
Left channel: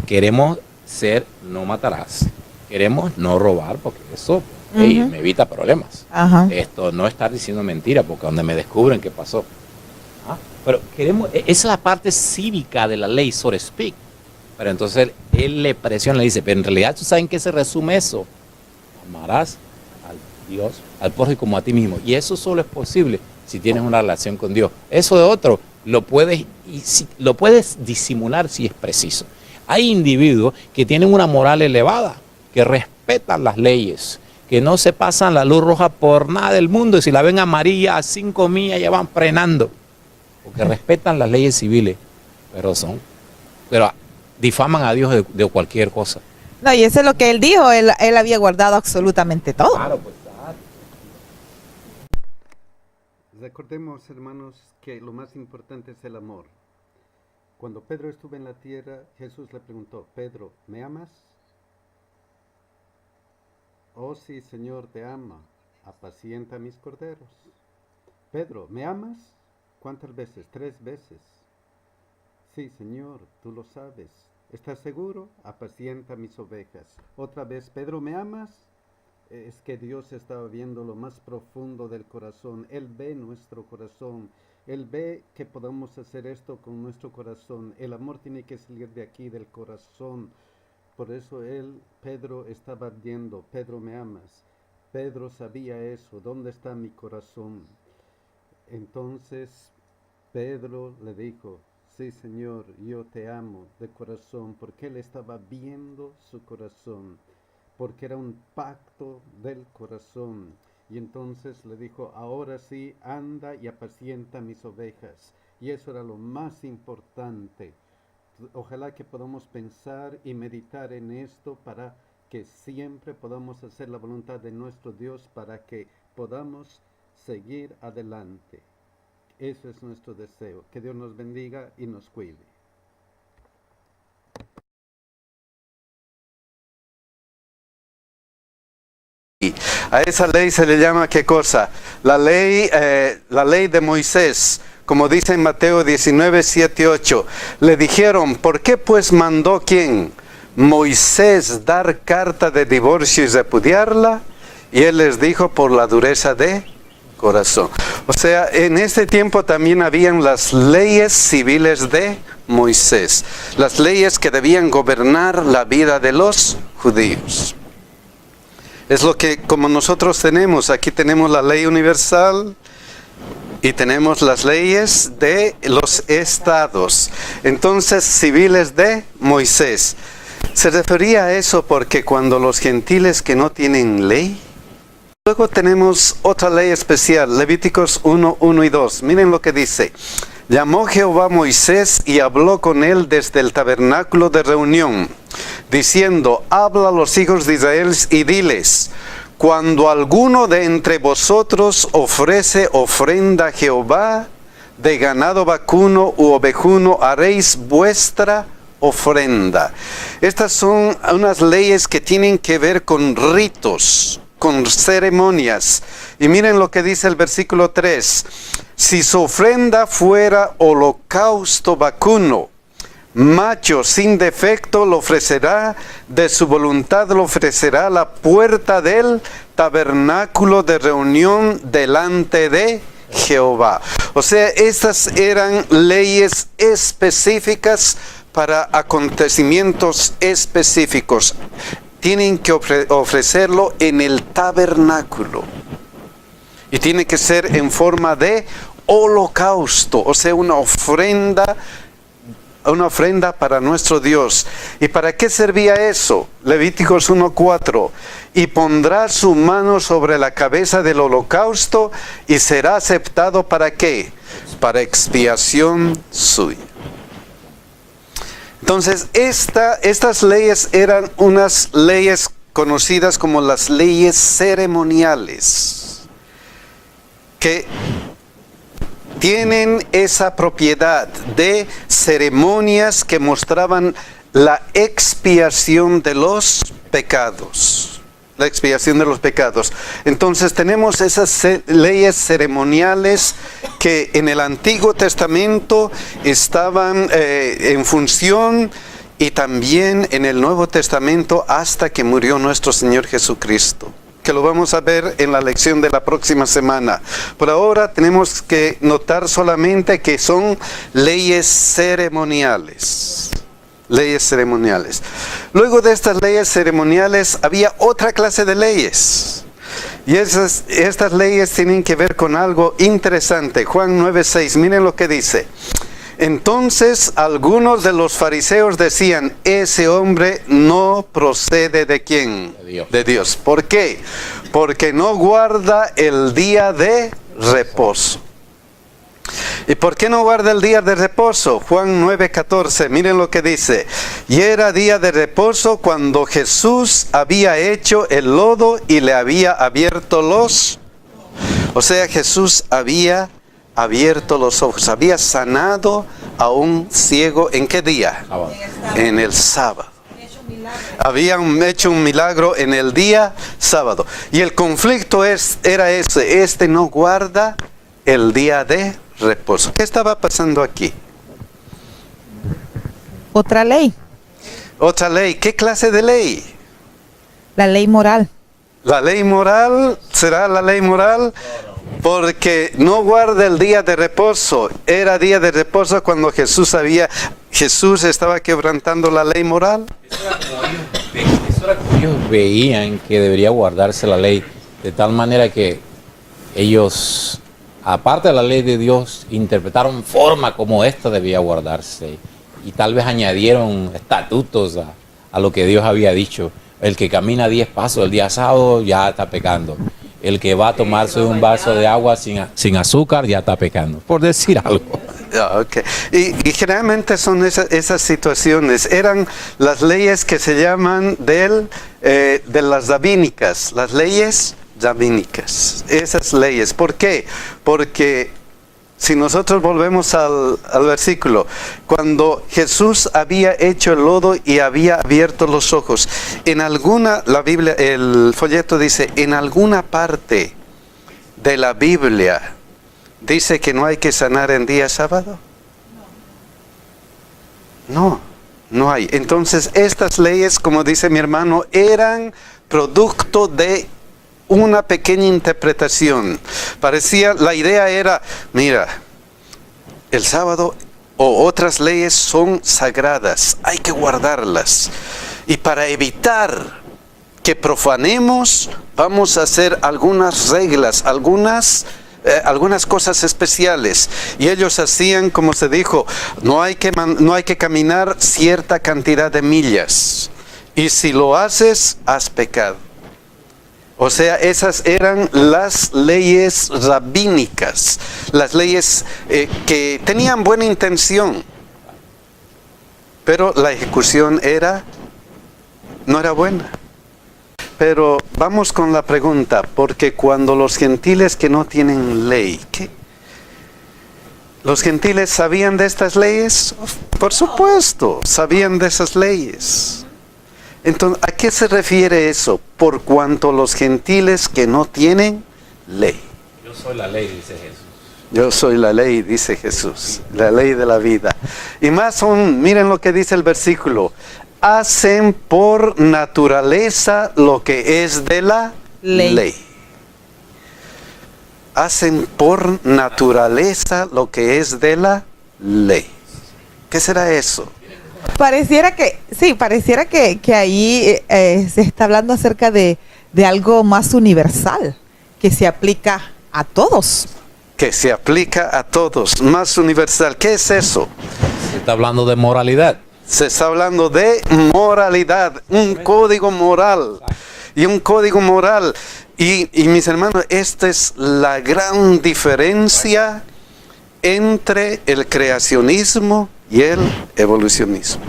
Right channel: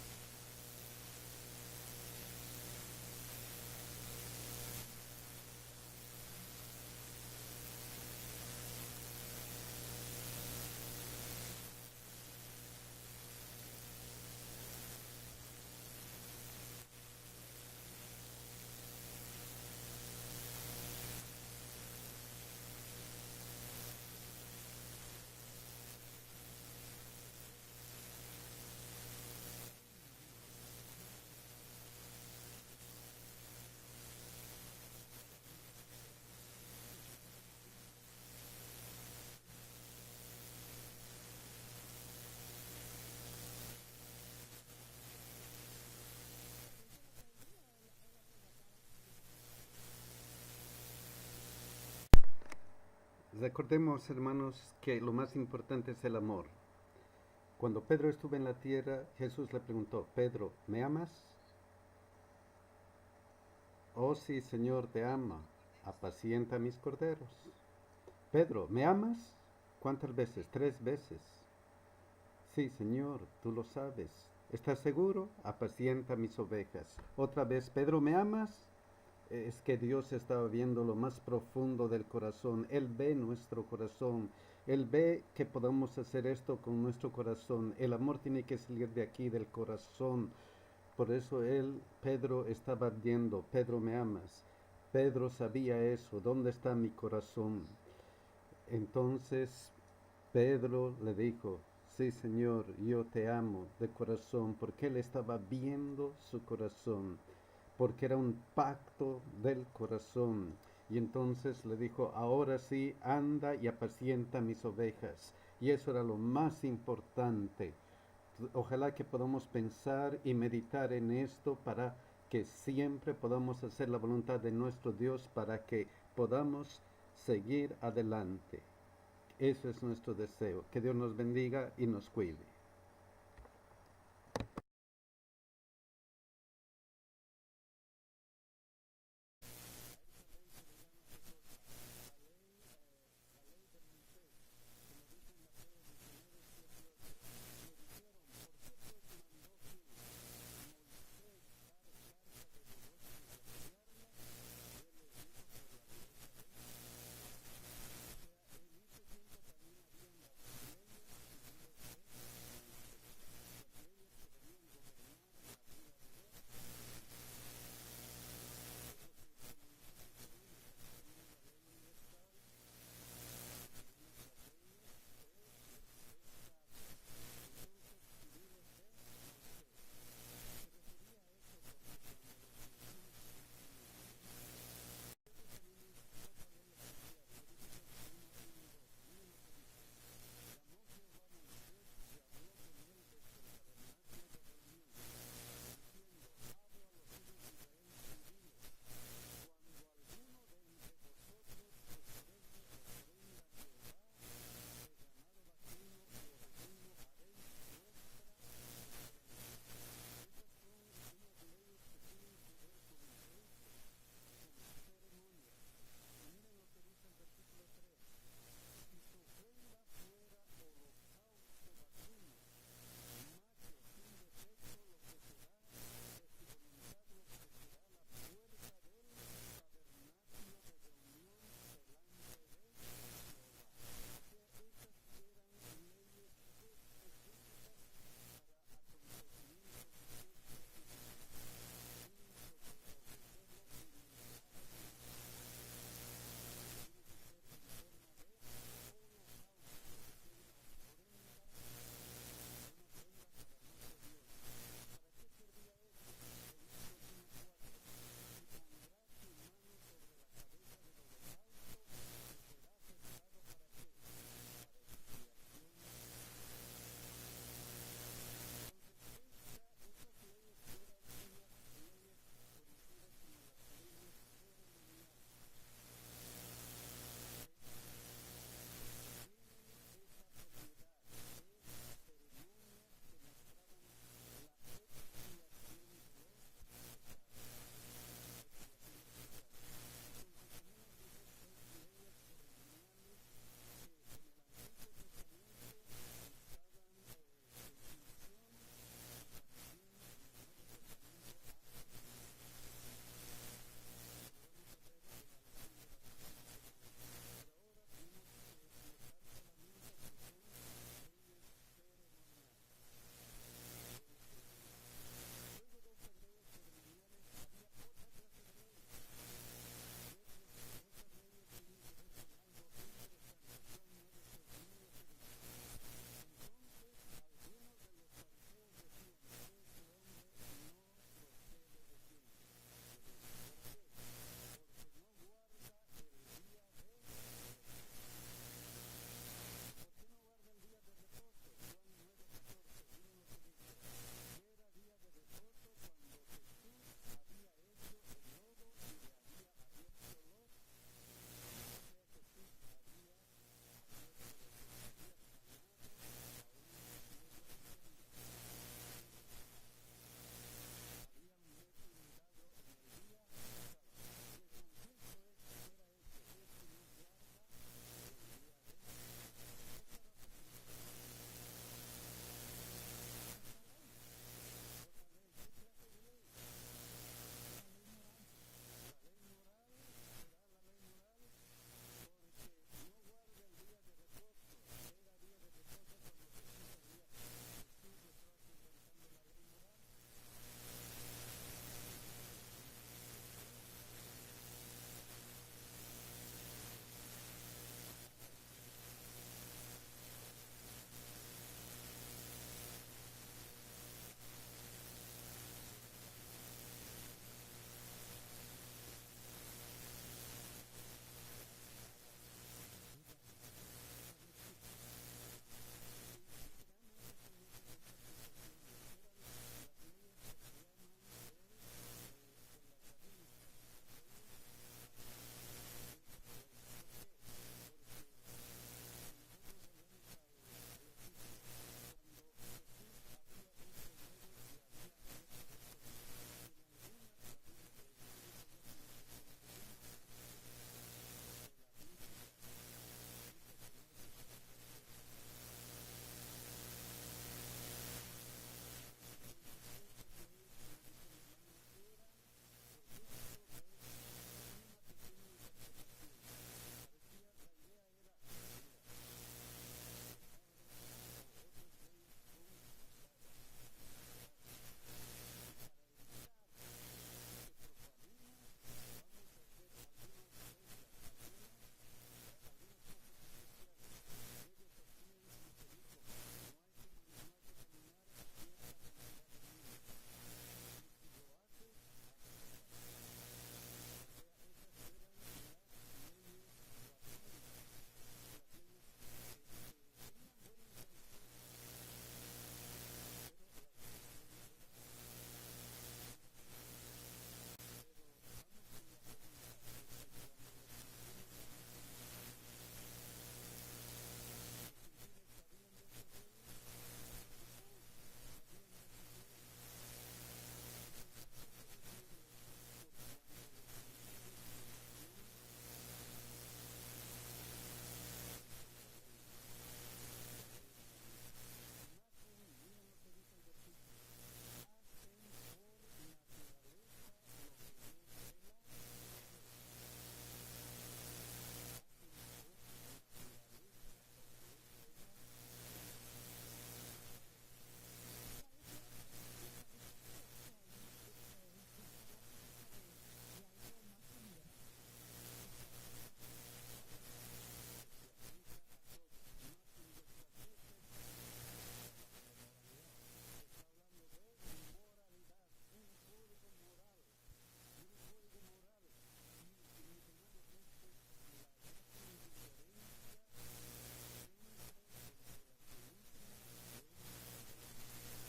Queremos ser no matarás. Queremos no robar, porque eso me evita problemas. Esto, no estar diciendo mentira, porque donde me descubren qué pasó. Pero queremos, esa es la parte cívica de la ley, so to speak. Pero entonces él le presiona, le dice, pero en realidad tú sabes en qué se resume eso. Amarás al Dios, al prójimo como a ti mismo. Y eso solo es posible si tienes una relación con Dios. Eso de otro lo puedes disimular si es preciso. Hay individuos que tienen una moral elevada, que respetan las leyes, que no se pasan la luz roja por nada del mundo, y si la ven amarilla a 5 millas ya van frenando, porque respetan las leyes civiles, pero difaman a Dios de cualquier cosa. No, y eso es lo que él dijo, él había guardado absolutamente todo. Claro, pues claro. Recordemos, hermanos, que lo más importante es el amor. Cuando Pedro estuvo en la tierra, Jesús le preguntó, Pedro, ¿me amas? Oh sí, Señor, te ama. Apacienta mis corderos. Pedro, ¿me amas? ¿Cuántas veces? 3 veces. Sí, Señor, tú lo sabes. ¿Estás seguro? Apacienta mis ovejas. Otra vez, Pedro, ¿me amas? Es que Dios estaba viendo lo más profundo del corazón. Él ve nuestro corazón. Él ve que podemos hacer esto con nuestro corazón. El amor tiene que salir de aquí, del corazón. Por eso Pedro estaba viendo, Pedro, ¿me amas? Pedro sabía eso, ¿dónde está mi corazón? Entonces Pedro le dijo, sí, Señor, yo te amo de corazón, porque él estaba viendo su corazón, porque era un pacto del corazón. Y entonces le dijo, ahora sí, anda y apacienta mis ovejas. Y eso era lo más importante. Ojalá que podamos pensar y meditar en esto para que siempre podamos hacer la voluntad de nuestro Dios, para que podamos seguir adelante. Eso es nuestro deseo. Que Dios nos bendiga y nos cuide. A esa ley se le llama, ¿qué cosa? La ley de Moisés, como dice en Mateo 19, 7, 8. Le dijeron, ¿por qué pues mandó quién? Moisés dar carta de divorcio y repudiarla. Y él les dijo, por la dureza de corazón. O sea, en ese tiempo también habían las leyes civiles de Moisés. Las leyes que debían gobernar la vida de los judíos. Es lo que como nosotros tenemos. Aquí tenemos la ley universal y tenemos las leyes de los estados. Entonces, civiles de Moisés. Se refería a eso porque cuando los gentiles que no tienen ley. Luego tenemos otra ley especial, Levíticos 1, 1 y 2. Miren lo que dice. Llamó Jehová a Moisés y habló con él desde el tabernáculo de reunión, diciendo, habla a los hijos de Israel y diles, cuando alguno de entre vosotros ofrece ofrenda a Jehová, de ganado vacuno u ovejuno, haréis vuestra ofrenda. Estas son unas leyes que tienen que ver con ritos, con ceremonias. Y miren lo que dice el versículo 3. Si su ofrenda fuera holocausto vacuno, macho sin defecto, lo ofrecerá, de su voluntad lo ofrecerá a la puerta del tabernáculo de reunión delante de Jehová. O sea, estas eran leyes específicas para acontecimientos específicos. Tienen que ofrecerlo en el tabernáculo. Y tiene que ser en forma de holocausto, o sea, una ofrenda para nuestro Dios. ¿Y para qué servía eso? Levíticos 1:4. Y pondrá su mano sobre la cabeza del holocausto y será aceptado ¿para qué? Para expiación suya. Entonces, estas leyes eran unas leyes conocidas como las leyes ceremoniales, que tienen esa propiedad de ceremonias que mostraban la expiación de los pecados. La expiación de los pecados. Entonces tenemos esas leyes ceremoniales que en el Antiguo Testamento estaban en función y también en el Nuevo Testamento hasta que murió nuestro Señor Jesucristo, que lo vamos a ver en la lección de la próxima semana. Por ahora tenemos que notar solamente que son leyes ceremoniales. Leyes ceremoniales. Luego de estas leyes ceremoniales había otra clase de leyes. Y estas leyes tienen que ver con algo interesante. Juan 9:6, miren lo que dice. Entonces algunos de los fariseos decían, ese hombre no procede ¿de quién? De Dios. ¿Por qué? Porque no guarda el día de reposo. ¿Y por qué no guarda el día de reposo? Juan 9:14, miren lo que dice. Y era día de reposo cuando Jesús había hecho el lodo y le había abierto los... O sea, Jesús había abierto los ojos, había sanado a un ciego, ¿en qué día? Sábado. En el sábado. Habían hecho un milagro en el día sábado. Y el conflicto era ese. Este no guarda el día de reposo. ¿Qué estaba pasando aquí? Otra ley. Otra ley. ¿Qué clase de ley? La ley moral. La ley moral, ¿será la ley moral? Porque no guarda el día de reposo. Era día de reposo cuando Jesús estaba quebrantando la ley moral. Eso era como ellos veían que debería guardarse la ley, de tal manera que ellos, aparte de la ley de Dios, interpretaron forma como esta debía guardarse. Y tal vez añadieron estatutos a lo que Dios había dicho. El que camina 10 pasos el día sábado ya está pecando. El que va a tomarse un vaso de agua sin azúcar ya está pecando, por decir algo. Okay. Y generalmente son esas situaciones. Eran las leyes que se llaman de las rabínicas, las leyes rabínicas. Esas leyes. ¿Por qué? Porque si nosotros volvemos al versículo, cuando Jesús había hecho el lodo y había abierto los ojos, la Biblia, el folleto dice, en alguna parte de la Biblia dice que no hay que sanar en día sábado. No hay. Entonces estas leyes, como dice mi hermano, eran producto de una pequeña interpretación. La idea era, mira, el sábado o otras leyes son sagradas, hay que guardarlas. Y para evitar que profanemos, vamos a hacer algunas reglas, algunas cosas especiales. Y ellos hacían, como se dijo, no hay que caminar cierta cantidad de millas. Y si lo haces, has pecado. O sea, esas eran las leyes rabínicas, las leyes que tenían buena intención, pero la ejecución no era buena. Pero vamos con la pregunta, porque cuando los gentiles que no tienen ley, ¿qué? ¿Los gentiles sabían de estas leyes? Por supuesto, sabían de esas leyes. Entonces, ¿a qué se refiere eso? Por cuanto los gentiles que no tienen ley. Yo soy la ley, dice Jesús. Yo soy la ley, dice Jesús, la ley de la vida. Y más aún, miren lo que dice el versículo. Hacen por naturaleza lo que es de la ley. Hacen por naturaleza lo que es de la ley. ¿Qué será eso? Pareciera que ahí se está hablando acerca de algo más universal, que se aplica a todos. Que se aplica a todos, más universal. ¿Qué es eso? Se está hablando de moralidad. Se está hablando de moralidad, un código moral. Y un código moral. Y mis hermanos, esta es la gran diferencia entre el creacionismo y el evolucionismo.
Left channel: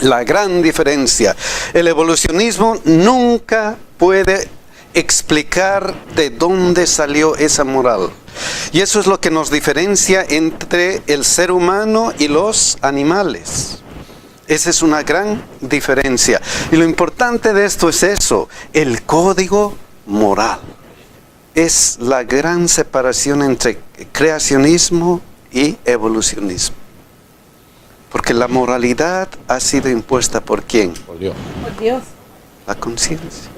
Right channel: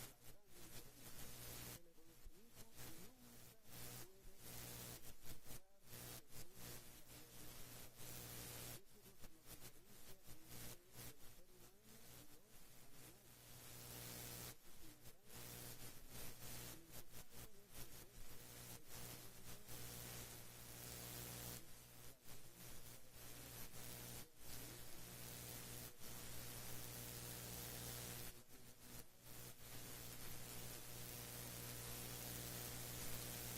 La gran diferencia. El evolucionismo nunca puede explicar de dónde salió esa moral. Y eso es lo que nos diferencia entre el ser humano y los animales. Esa es una gran diferencia. Y lo importante de esto es eso, el código moral. Es la gran separación entre creacionismo y evolucionismo. Porque la moralidad ha sido impuesta ¿por quién? Por Dios. Por Dios. La conciencia.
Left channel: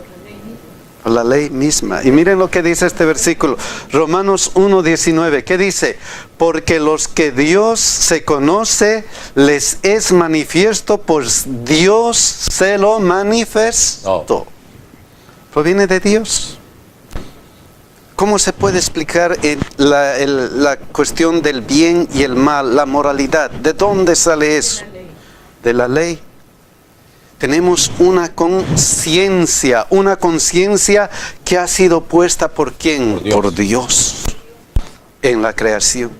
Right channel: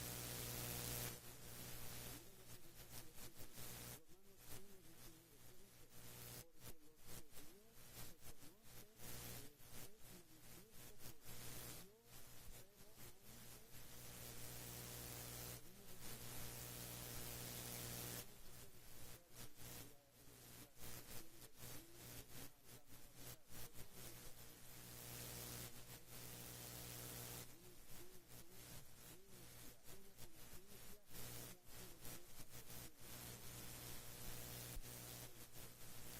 Por la ley misma. Y miren lo que dice este versículo. Romanos 1:19. ¿Qué dice? Porque los que Dios se conoce, les es manifiesto, pues Dios se lo manifestó. Oh. ¿Proviene de Dios? ¿Cómo se puede explicar la cuestión del bien y el mal, la moralidad? ¿De dónde sale eso? De la ley. Tenemos una conciencia que ha sido puesta ¿por quién? Por Dios en la creación.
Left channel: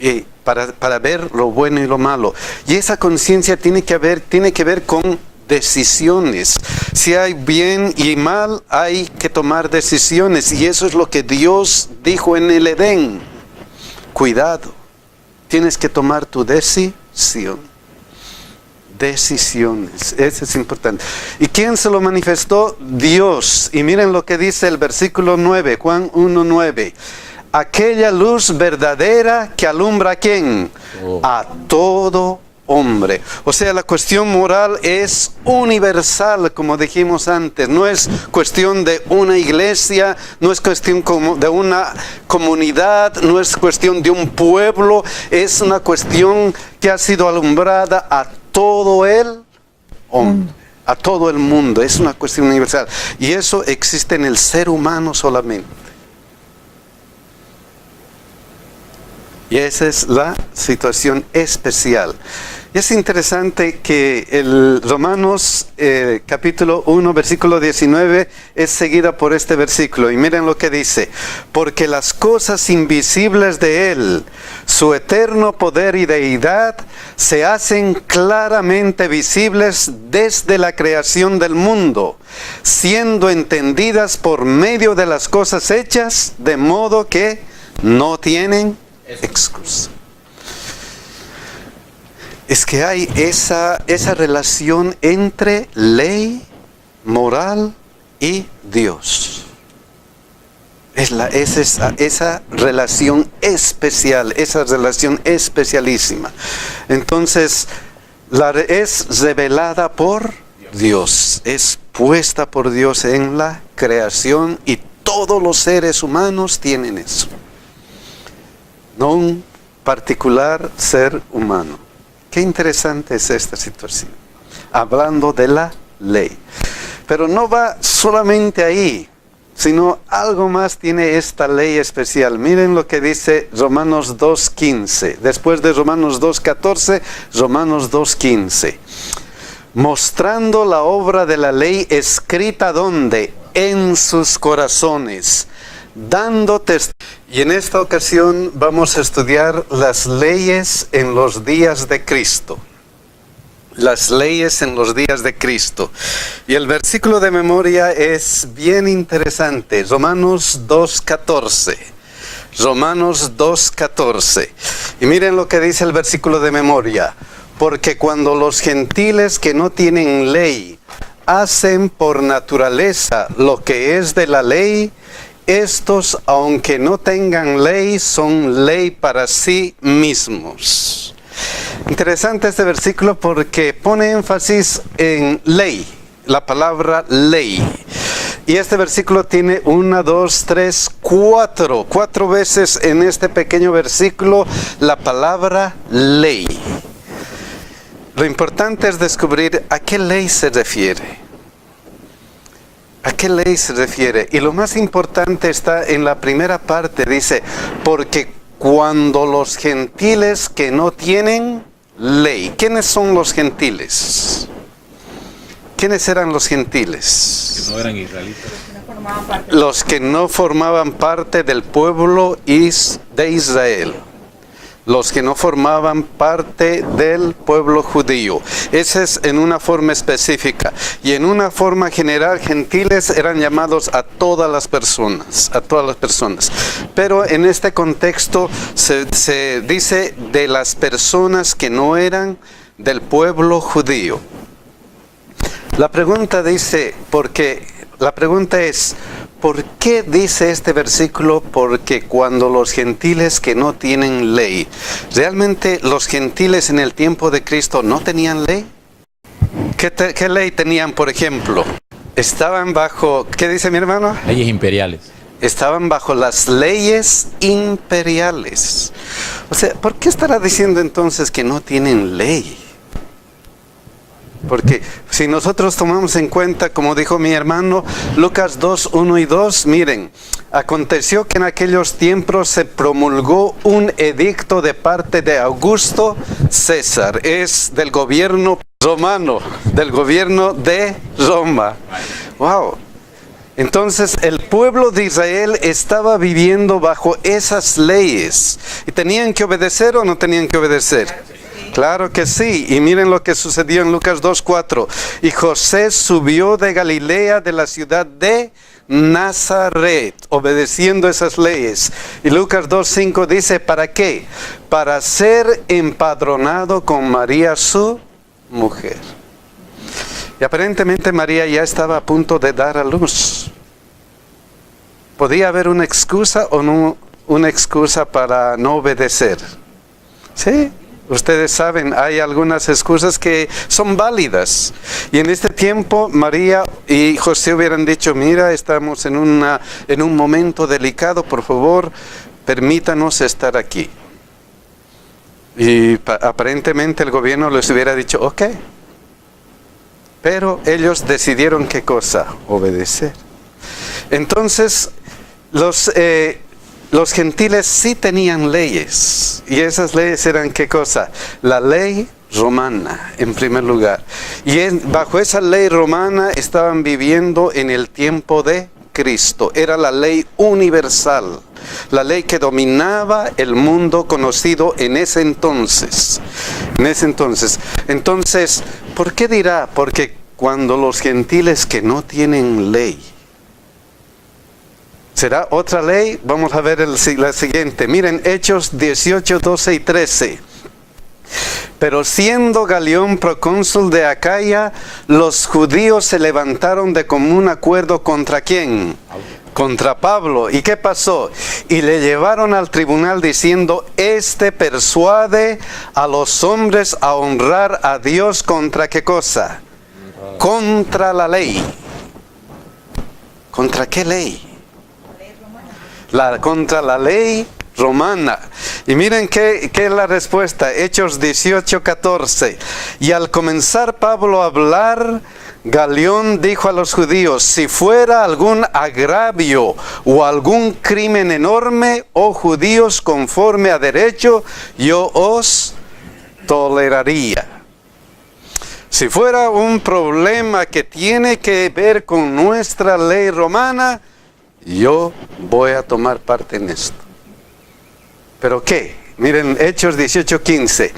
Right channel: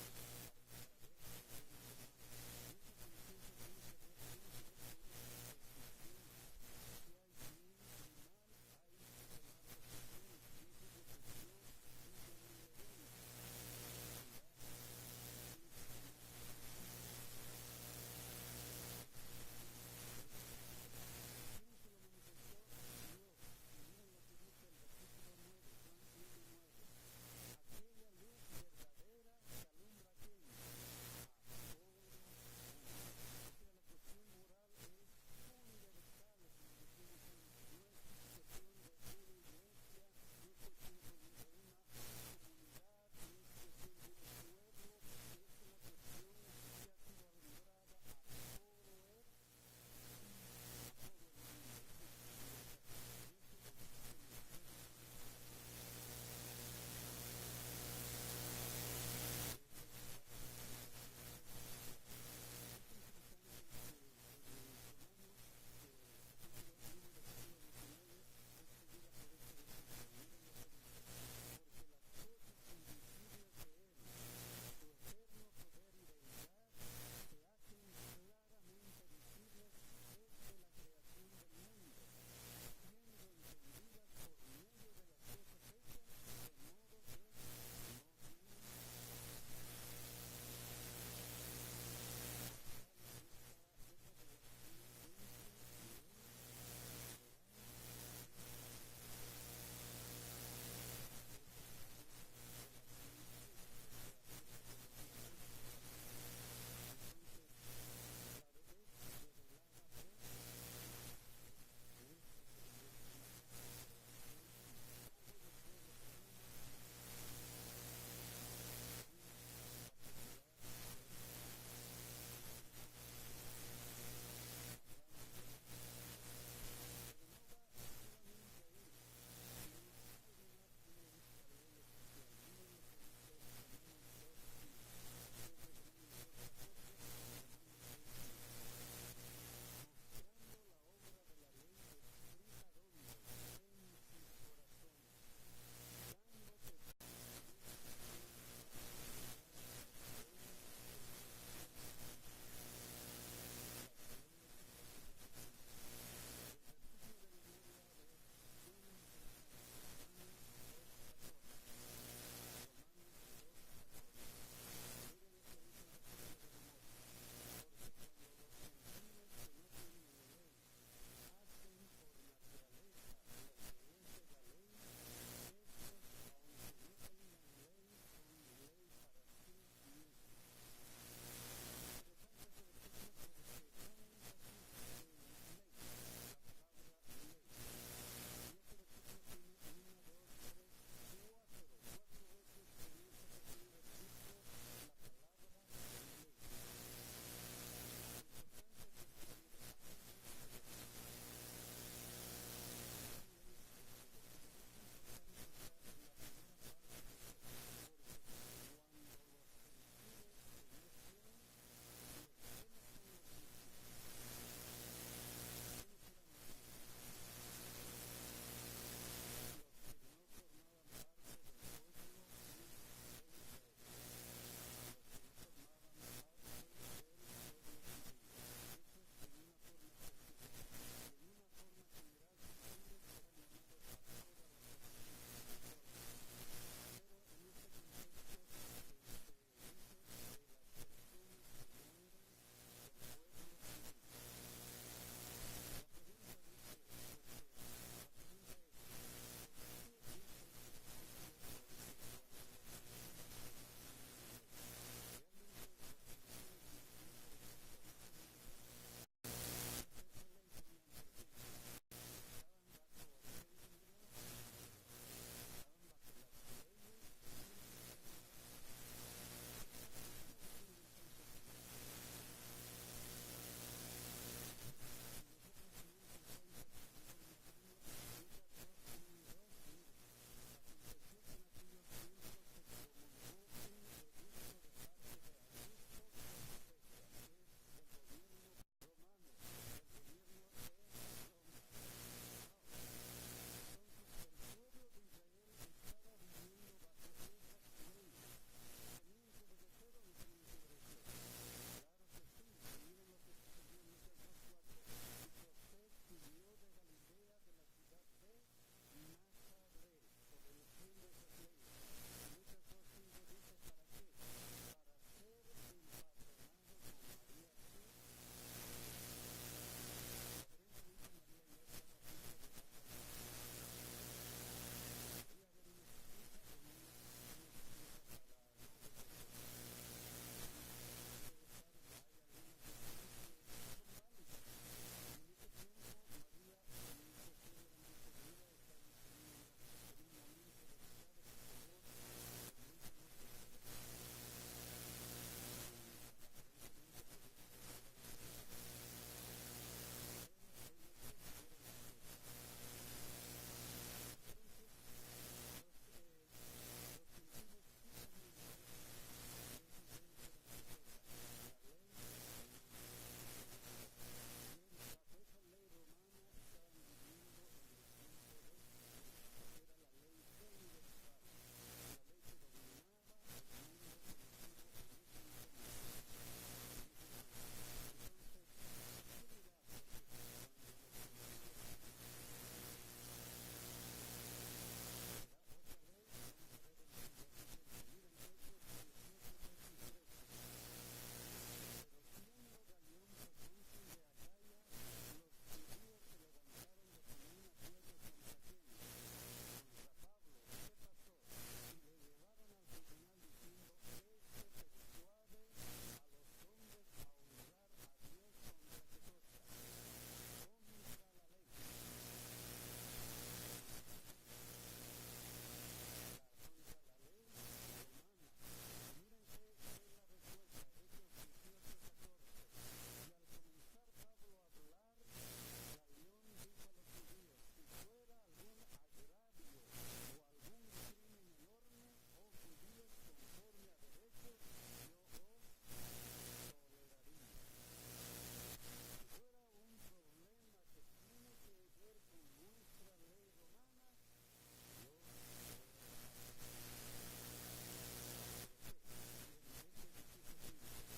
Y para ver lo bueno y lo malo. Y esa conciencia tiene que ver con decisiones. Si hay bien y mal, hay que tomar decisiones. Y eso es lo que Dios dijo en el Edén. Cuidado. Tienes que tomar tu decisión. Decisiones, eso es importante. ¿Y quién se lo manifestó? Dios. Y miren lo que dice el versículo 9, Juan 1:9. Aquella luz verdadera que alumbra ¿a quién? A todo hombre. O sea, la cuestión moral es universal, como dijimos antes. No es cuestión de una iglesia, no es cuestión de una comunidad, no es cuestión de un pueblo, es una cuestión que ha sido alumbrada a todo el hombre, a todo el mundo. Es una cuestión universal. Y eso existe en el ser humano solamente. Y esa es la situación especial. Y es interesante que el Romanos capítulo 1, versículo 19 es seguida por este versículo. Y miren lo que dice. Porque las cosas invisibles de Él, su eterno poder y deidad, se hacen claramente visibles desde la creación del mundo, siendo entendidas por medio de las cosas hechas, de modo que no tienen excusa. Es que hay esa relación entre ley, moral y Dios. Es esa relación especial, esa relación especialísima. Entonces, es revelada por Dios, es puesta por Dios en la creación y todos los seres humanos tienen eso. No un particular ser humano. Qué interesante es esta situación, hablando de la ley. Pero no va solamente ahí, sino algo más tiene esta ley especial. Miren lo que dice Romanos 2:15. Después de Romanos 2:14, Romanos 2:15. Mostrando la obra de la ley escrita ¿dónde? En sus corazones, dando testimonio. Y en esta ocasión vamos a estudiar las leyes en los días de Cristo. Las leyes en los días de Cristo. Y el versículo de memoria es bien interesante. Romanos 2:14. Romanos 2:14. Y miren lo que dice el versículo de memoria. Porque cuando los gentiles que no tienen ley hacen por naturaleza lo que es de la ley, estos, aunque no tengan ley, son ley para sí mismos. Interesante este versículo porque pone énfasis en ley, la palabra ley. Y este versículo tiene 1, 2, 3, 4 veces en este pequeño versículo la palabra ley. Lo importante es descubrir a qué ley se refiere. ¿A qué ley se refiere? Y lo más importante está en la primera parte, dice, porque cuando los gentiles que no tienen ley. ¿Quiénes son los gentiles? ¿Quiénes eran los gentiles? Que no eran israelitas. Los que no formaban parte del pueblo de Israel. Los que no formaban parte del pueblo judío. Ese es en una forma específica. Y en una forma general, gentiles eran llamados a todas las personas. A todas las personas. Pero en este contexto se dice de las personas que no eran del pueblo judío. La pregunta es, ¿por qué dice este versículo? Porque cuando los gentiles que no tienen ley, ¿realmente los gentiles en el tiempo de Cristo no tenían ley? ¿Qué ley tenían, por ejemplo? Estaban bajo, ¿qué dice mi hermano? Leyes imperiales. Estaban bajo las leyes imperiales. O sea, ¿por qué estará diciendo entonces que no tienen ley? Porque si nosotros tomamos en cuenta, como dijo mi hermano, Lucas 2, 1 y 2, miren, aconteció que en aquellos tiempos se promulgó un edicto de parte de Augusto César, es del gobierno romano, del gobierno de Roma. ¡Wow! Entonces el pueblo de Israel estaba viviendo bajo esas leyes. ¿Y tenían que obedecer o no tenían que obedecer? Claro que sí, y miren lo que sucedió en Lucas 2:4. Y José subió de Galilea, de la ciudad de Nazaret, obedeciendo esas leyes. Y Lucas 2:5 dice, ¿para qué? Para ser empadronado con María, su mujer. Y aparentemente María ya estaba a punto de dar a luz. ¿Podía haber una excusa o no una excusa para no obedecer? Sí. Ustedes saben, hay algunas excusas que son válidas. Y en este tiempo, María y José hubieran dicho, mira, estamos en un momento delicado, por favor, permítanos estar aquí. Y aparentemente el gobierno les hubiera dicho, ok. Pero ellos decidieron qué cosa, obedecer. Entonces, los gentiles sí tenían leyes, y esas leyes eran ¿qué cosa? La ley romana, en primer lugar. Y bajo esa ley romana estaban viviendo en el tiempo de Cristo. Era la ley universal, la ley que dominaba el mundo conocido en ese entonces. Entonces, ¿por qué dirá? Porque cuando los gentiles que no tienen ley, ¿será otra ley? Vamos a ver la siguiente. Miren, Hechos 18, 12 y 13. Pero siendo Galión procónsul de Acaya, los judíos se levantaron de común acuerdo ¿contra quién? Contra Pablo. ¿Y qué pasó? Y le llevaron al tribunal diciendo, este persuade a los hombres a honrar a Dios ¿contra qué cosa? Contra la ley. ¿Contra qué ley? Contra la ley romana. Y miren qué es la respuesta. Hechos 18, 14. Y al comenzar Pablo a hablar, Galión dijo a los judíos, si fuera algún agravio o algún crimen enorme, oh judíos, conforme a derecho, yo os toleraría. Si fuera un problema que tiene que ver con nuestra ley romana, yo voy a tomar parte en esto. ¿Pero qué? Miren, Hechos 18:15.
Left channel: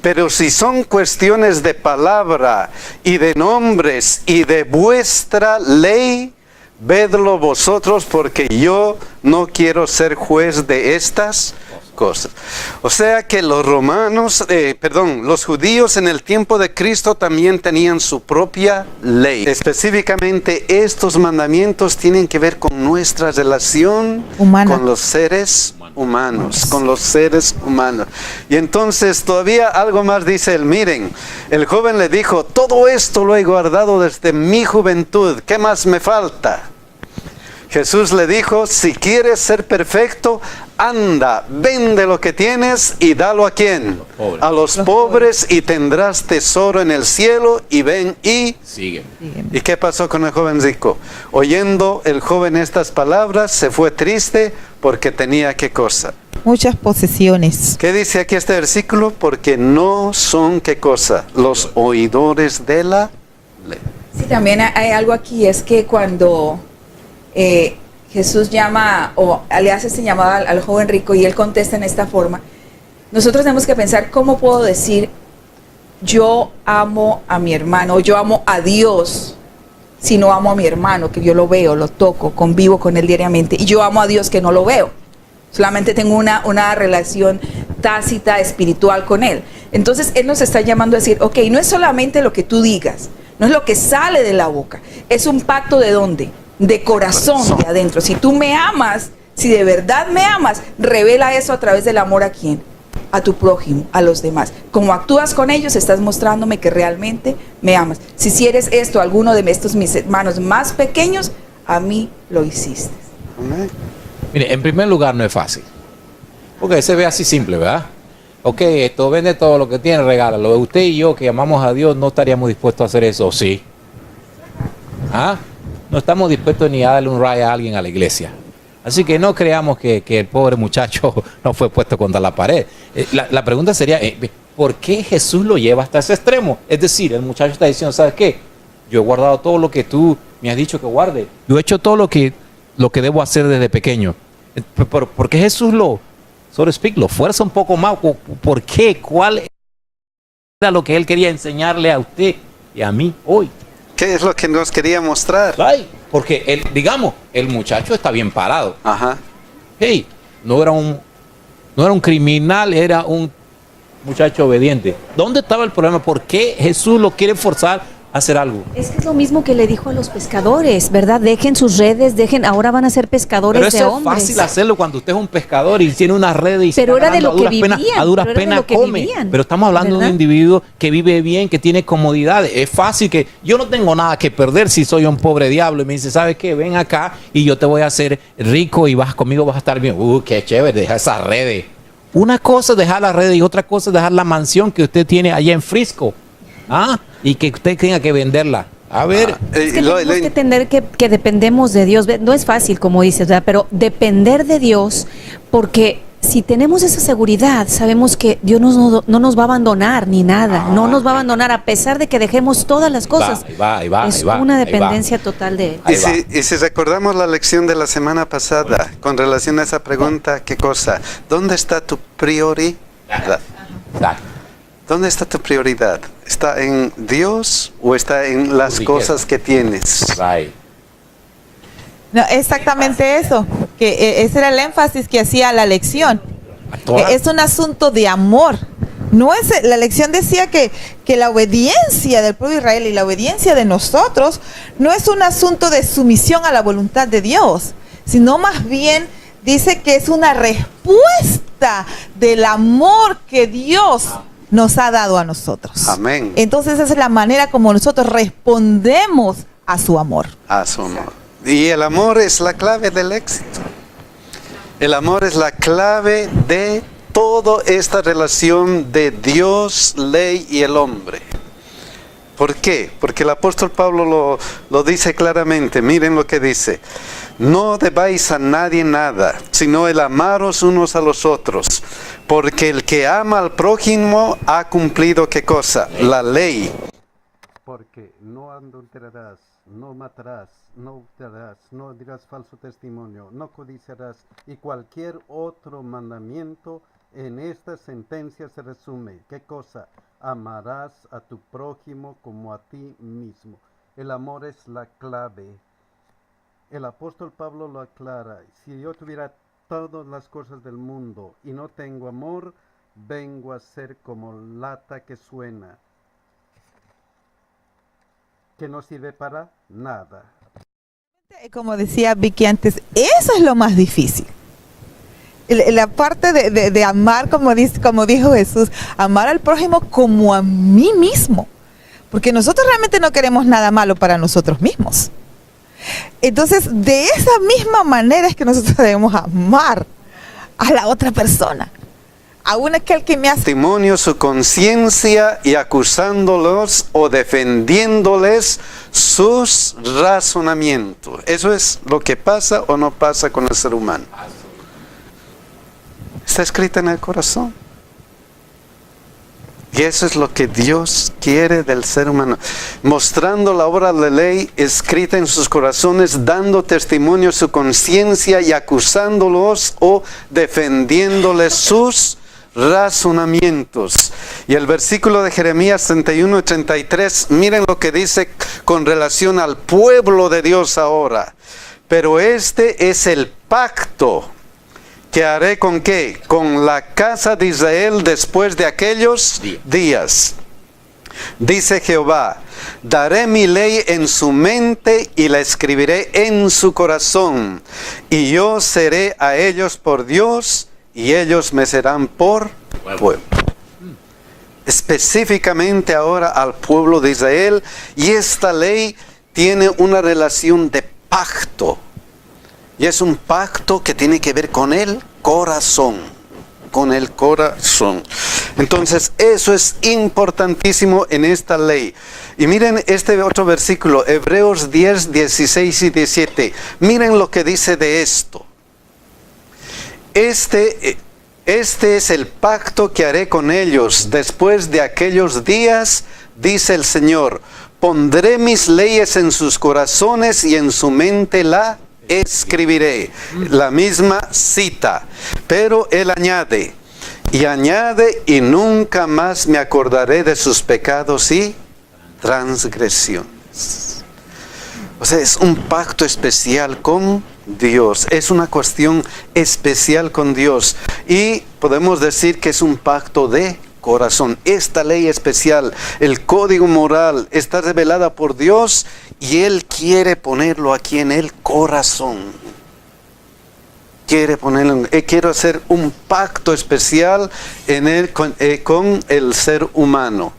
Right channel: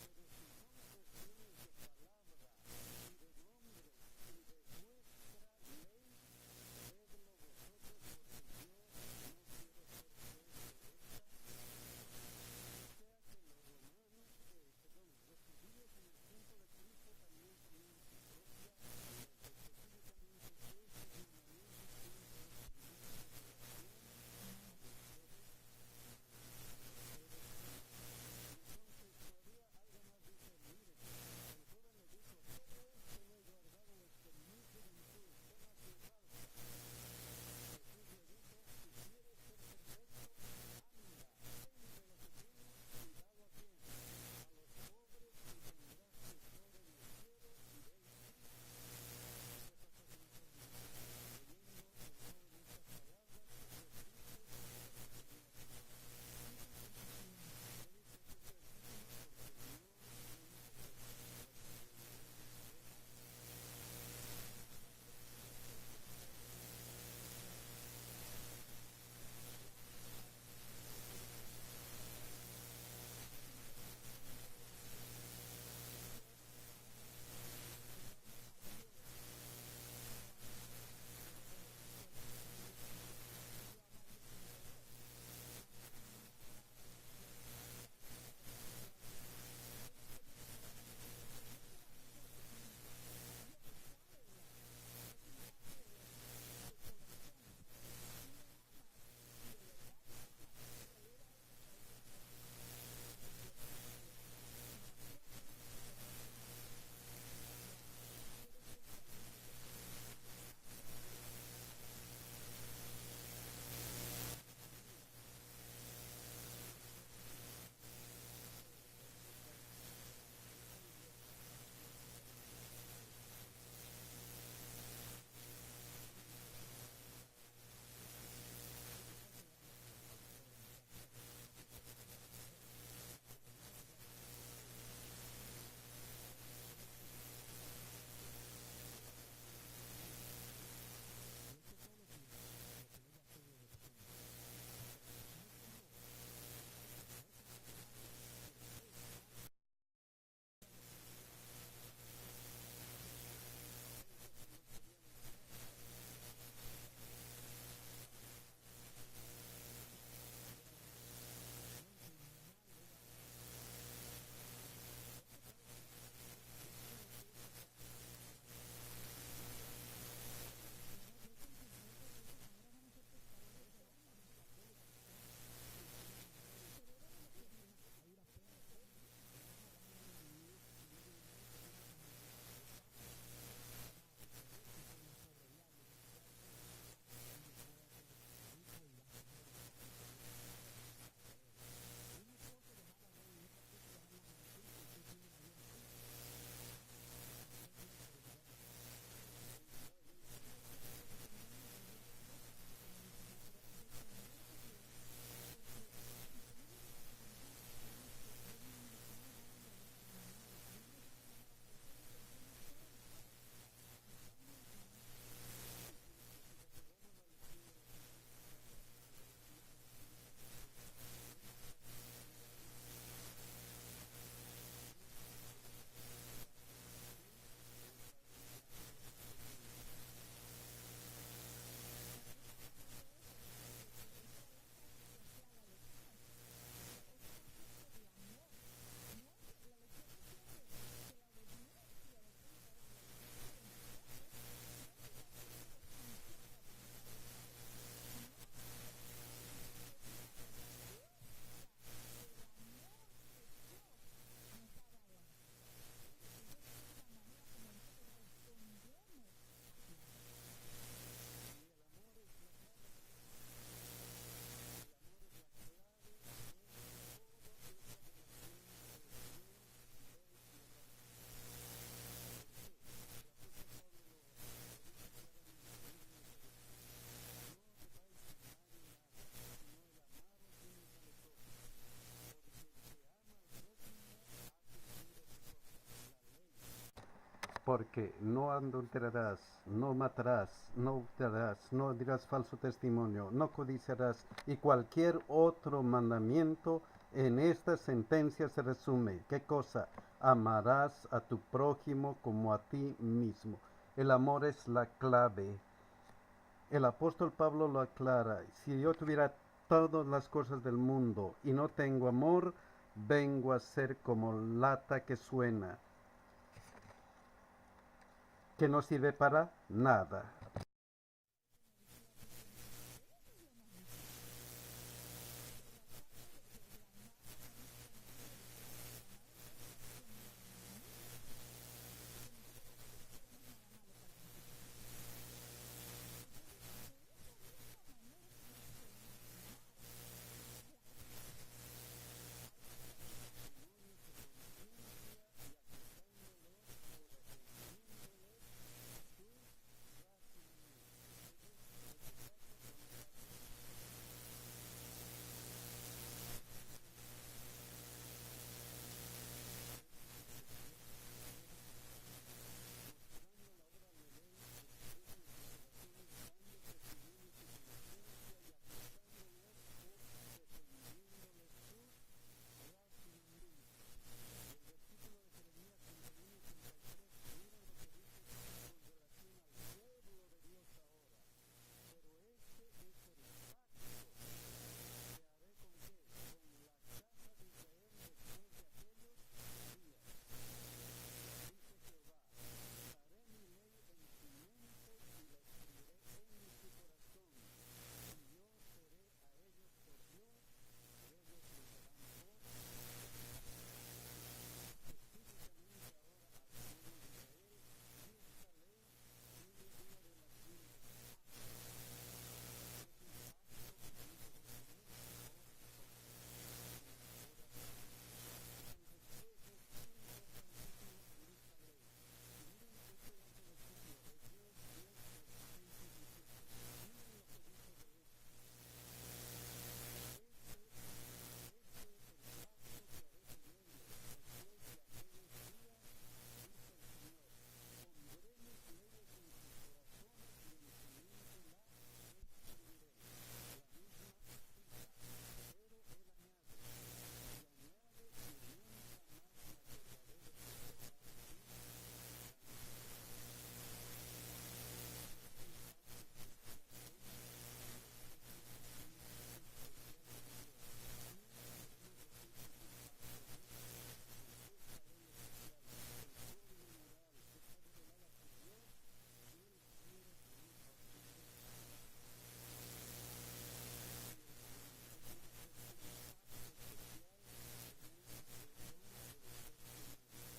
Pero si son cuestiones de palabra y de nombres y de vuestra ley, vedlo vosotros, porque yo no quiero ser juez de estas cosas. O sea que los los judíos en el tiempo de Cristo también tenían su propia ley. Específicamente estos mandamientos tienen que ver con nuestra relación humana con los seres humanos, Y entonces todavía algo más dice él. Miren, el joven le dijo, todo esto lo he guardado desde mi juventud, ¿qué más me falta? Jesús le dijo, si quieres ser perfecto, anda, vende lo que tienes y dalo ¿a quién? A los pobres, y tendrás tesoro en el cielo, y ven y sigue. ¿Y qué pasó con el joven rico? Oyendo el joven estas palabras, se fue triste porque tenía ¿qué cosa? Muchas posesiones. ¿Qué dice aquí este versículo? Porque no son ¿qué cosa? Los oidores de la ley. Sí, también hay algo aquí, es que cuando Jesús llama o le hace este llamado al joven rico y él contesta en esta forma, nosotros tenemos que pensar cómo puedo decir yo amo a mi hermano, yo amo a Dios, si no amo a mi hermano, que yo lo veo, lo toco, convivo con él diariamente, y yo amo a Dios que no lo veo, solamente tengo una relación tácita, espiritual con él. Entonces él nos está llamando a decir, ok, no es solamente lo que tú digas, no es lo que sale de la boca, es un pacto ¿de dónde? De corazón, de adentro. Si tú me amas, si de verdad me amas, revela eso a través del amor ¿a quién? A tu prójimo, a los demás. Como actúas con ellos, estás mostrándome que realmente me amas. Si eres esto, alguno de estos mis hermanos más pequeños, a mí lo hiciste. Mire, en primer lugar no es fácil, porque se ve así simple, ¿verdad? Ok, esto, vende todo lo que tiene, regálalo. Usted y yo que amamos a Dios no estaríamos dispuestos a hacer eso, ¿sí? ¿Ah? No estamos dispuestos ni a darle un rayo a alguien a la iglesia. Así que no creamos que el pobre muchacho no fue puesto contra la pared. La pregunta sería, ¿por qué Jesús lo lleva hasta ese extremo? Es decir, el muchacho está diciendo, ¿sabes qué? Yo he guardado todo lo que tú me has dicho que guarde. Yo he hecho todo lo que debo hacer desde pequeño. ¿Por qué Jesús lo fuerza un poco más? ¿Por qué? ¿Cuál era lo que él quería enseñarle a usted y a mí hoy? ¿Qué es lo que nos quería mostrar? Ay. Porque, digamos, el muchacho está bien parado. Ajá. Hey, no era un criminal, era un muchacho obediente. ¿Dónde estaba el problema? ¿Por qué Jesús lo quiere forzar a hacer algo? Es que es lo mismo que le dijo a los pescadores, ¿verdad? Dejen sus redes, ahora van a ser pescadores de hombres. Pero eso es fácil hacerlo cuando usted es un pescador y tiene una red y pero era de lo que vivían. A duras penas come. Pero estamos hablando de un individuo que vive bien, que tiene comodidades. Es fácil que yo no tengo nada que perder si soy un pobre diablo y me dice, ¿sabes qué? Ven acá y yo te voy a hacer rico y conmigo vas a estar bien. Qué chévere, deja esas redes. Una cosa es dejar las redes y otra cosa es dejar la mansión que usted tiene allá en Frisco. Y que usted tenga que venderla. A ver. Es que tenemos que entender que dependemos de Dios. No es fácil, como dices, ¿verdad? Pero depender de Dios, porque si tenemos esa seguridad, sabemos que Dios no nos va a abandonar ni nada. No nos va a abandonar a pesar de que dejemos todas las cosas. Es una dependencia total de Él. Y si recordamos la lección de la semana pasada con relación a esa pregunta, ¿qué cosa? ¿Dónde está tu prioridad? ¿Dónde está tu prioridad? ¿Está en Dios o está en las cosas que tienes? No, exactamente eso, que ese era el énfasis que hacía la lección. Es un asunto de amor. No es, la lección decía que la obediencia del pueblo de Israel y la obediencia de nosotros no es un asunto de sumisión a la voluntad de Dios, sino más bien dice que es una respuesta del amor que Dios nos ha dado a nosotros. Amén. Entonces esa es la manera como nosotros respondemos a su amor. A su amor. Y el amor es la clave del éxito. El amor es la clave de toda esta relación de Dios, ley y el hombre. ¿Por qué? Porque el apóstol Pablo lo dice claramente. Miren lo que dice. No debáis a nadie nada, sino el amaros unos a los otros. Porque el que ama al prójimo ha cumplido, ¿qué cosa? La ley. Porque no adulterarás, no matarás, no hurtarás, no dirás falso testimonio, no codiciarás, y cualquier otro mandamiento en esta sentencia se resume. ¿Qué cosa? Amarás a tu prójimo como a ti mismo. El amor es la clave. El apóstol Pablo lo aclara. Si yo tuviera todas las cosas del mundo y no tengo amor, vengo a ser como lata que suena, que no sirve para nada. Como decía Vicky antes, eso es lo más difícil. La parte de amar, como dijo Jesús, amar al prójimo como a mí mismo. Porque nosotros realmente no queremos nada malo para nosotros mismos. Entonces, de esa misma manera es que nosotros debemos amar a la otra persona. Aún aquel que me hace testimonio su conciencia y acusándolos o defendiéndoles sus razonamientos. Eso es lo que pasa o no pasa con el ser humano. Está escrito en el corazón. Y eso es lo que Dios quiere del ser humano. Mostrando la obra de la ley escrita en sus corazones, dando testimonio su conciencia y acusándolos o defendiéndoles sus razonamientos. Y el versículo de Jeremías 31 y 33, miren lo que dice con relación al pueblo de Dios ahora. Pero este es el pacto que haré con ¿qué? Con la casa de Israel después de aquellos días. Dice Jehová, daré mi ley en su mente y la escribiré en su corazón. Y yo seré a ellos por Dios y ellos me serán por pueblo. Específicamente ahora al pueblo de Israel. Y esta ley tiene una relación de pacto. Y es un pacto que tiene que ver con el corazón. Con el corazón. Entonces, eso es importantísimo en esta ley. Y miren este otro versículo, Hebreos 10, 16 y 17. Miren lo que dice de esto. Este es el pacto que haré con ellos después de aquellos días, dice el Señor. Pondré mis leyes en sus corazones y en su mente la escribiré. La misma cita. Pero él añade, y nunca más me acordaré de sus pecados y transgresiones. O sea, es un pacto especial con Dios, es una cuestión especial con Dios. Y podemos decir que es un pacto de corazón. Esta ley especial, el código moral, está revelada por Dios y Él quiere ponerlo aquí en el corazón. Quiere ponerlo, quiero hacer un pacto especial en él, con el ser humano.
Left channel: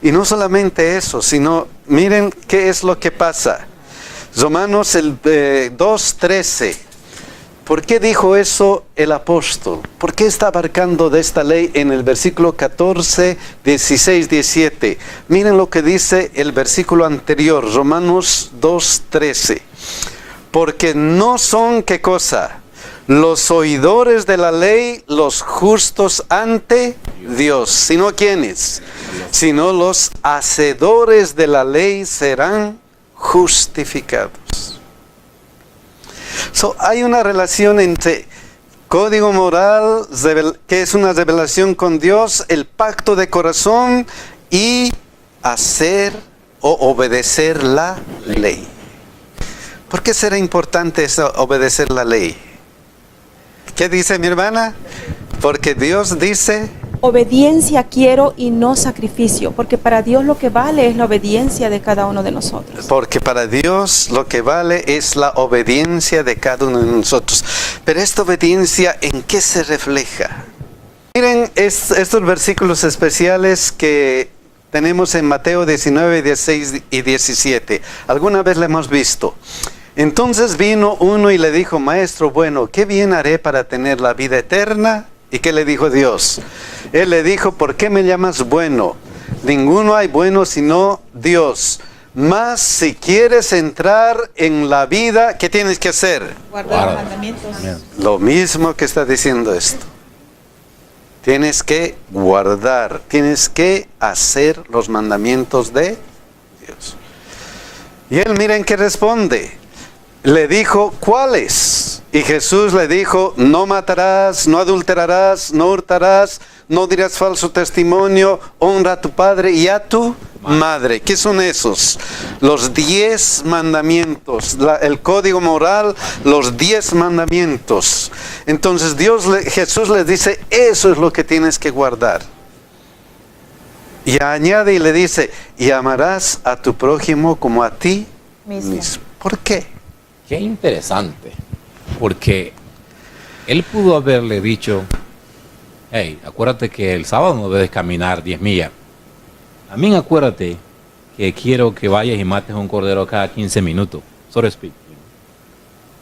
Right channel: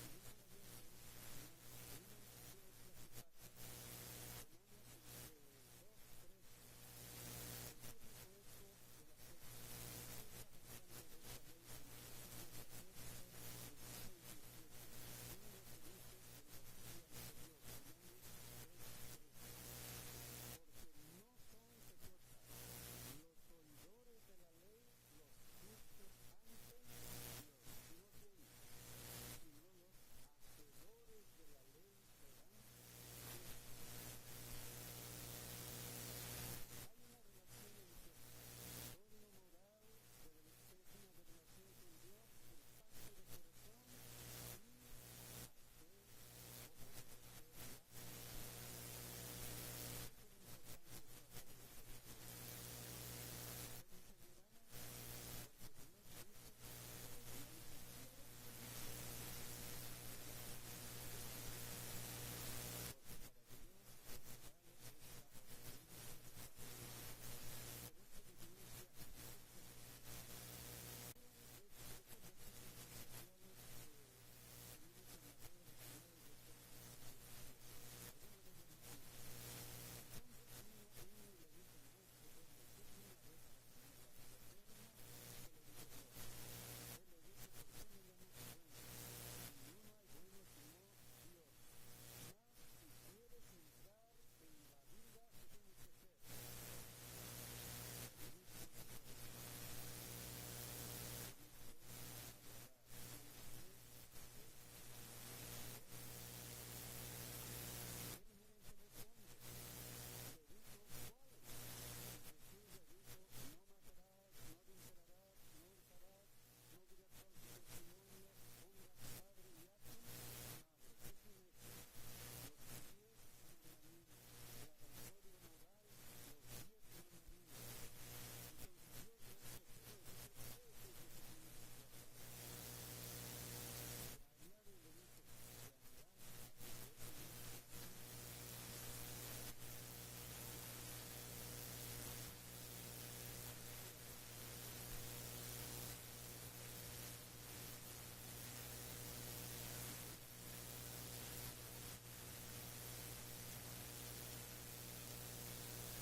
Y no solamente eso, sino miren qué es lo que pasa. Romanos 2:13. ¿Por qué dijo eso el apóstol? ¿Por qué está abarcando de esta ley en el versículo 14, 16, 17? Miren lo que dice el versículo anterior, Romanos 2:13. Porque no son, ¿qué cosa? Los oidores de la ley, los justos ante Dios. ¿Sino quiénes? Sino los hacedores de la ley serán justificados. Hay una relación entre código moral, que es una revelación con Dios, el pacto de corazón y hacer o obedecer la ley. ¿Por qué será importante eso, obedecer la ley? ¿Qué dice mi hermana? Porque Dios dice... Obediencia quiero y no sacrificio, porque para Dios lo que vale es la obediencia de cada uno de nosotros. Porque para Dios lo que vale es la obediencia de cada uno de nosotros. Pero esta obediencia, ¿en qué se refleja? Miren estos versículos especiales que tenemos en Mateo 19, 16 y 17. Alguna vez lo hemos visto. Entonces vino uno y le dijo, Maestro, bueno, ¿qué bien haré para tener la vida eterna? ¿Y qué le dijo Dios? Él le dijo, ¿por qué me llamas bueno? Ninguno hay bueno sino Dios. Mas si quieres entrar en la vida, ¿qué tienes que hacer? Guardar los mandamientos. Lo mismo que está diciendo esto. Tienes que guardar, tienes que hacer los mandamientos de Dios. Y él, miren qué responde. Le dijo, ¿cuáles? Y Jesús le dijo, no matarás, no adulterarás, no hurtarás, no dirás falso testimonio, honra a tu padre y a tu madre. ¿Qué son esos? Los 10 mandamientos, el código moral, los 10 mandamientos. Entonces Jesús les dice, eso es lo que tienes que guardar. Y añade y le dice, y amarás a tu prójimo como a ti mismo. ¿Por qué? Qué interesante, porque él pudo haberle dicho, hey, acuérdate que el sábado no debes caminar 10 millas. También acuérdate que quiero que vayas y mates un cordero cada 15 minutos, so to speak.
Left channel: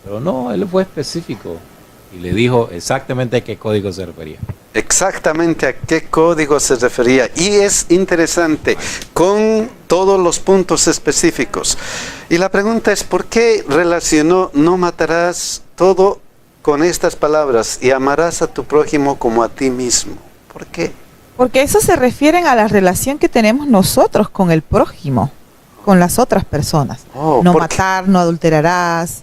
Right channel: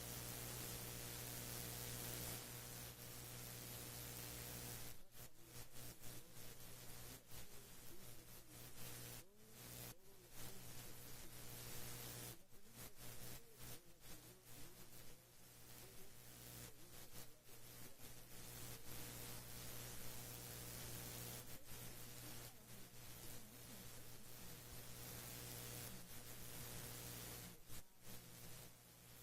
Pero no, él fue específico y le dijo exactamente a qué código se refería. Exactamente a qué código se refería. Y es interesante, con todos los puntos específicos. Y la pregunta es, ¿por qué relacionó no matarás todo con estas palabras y amarás a tu prójimo como a ti mismo? ¿Por qué? Porque eso se refiere a la relación que tenemos nosotros con el prójimo, con las otras personas. No matar, no adulterarás,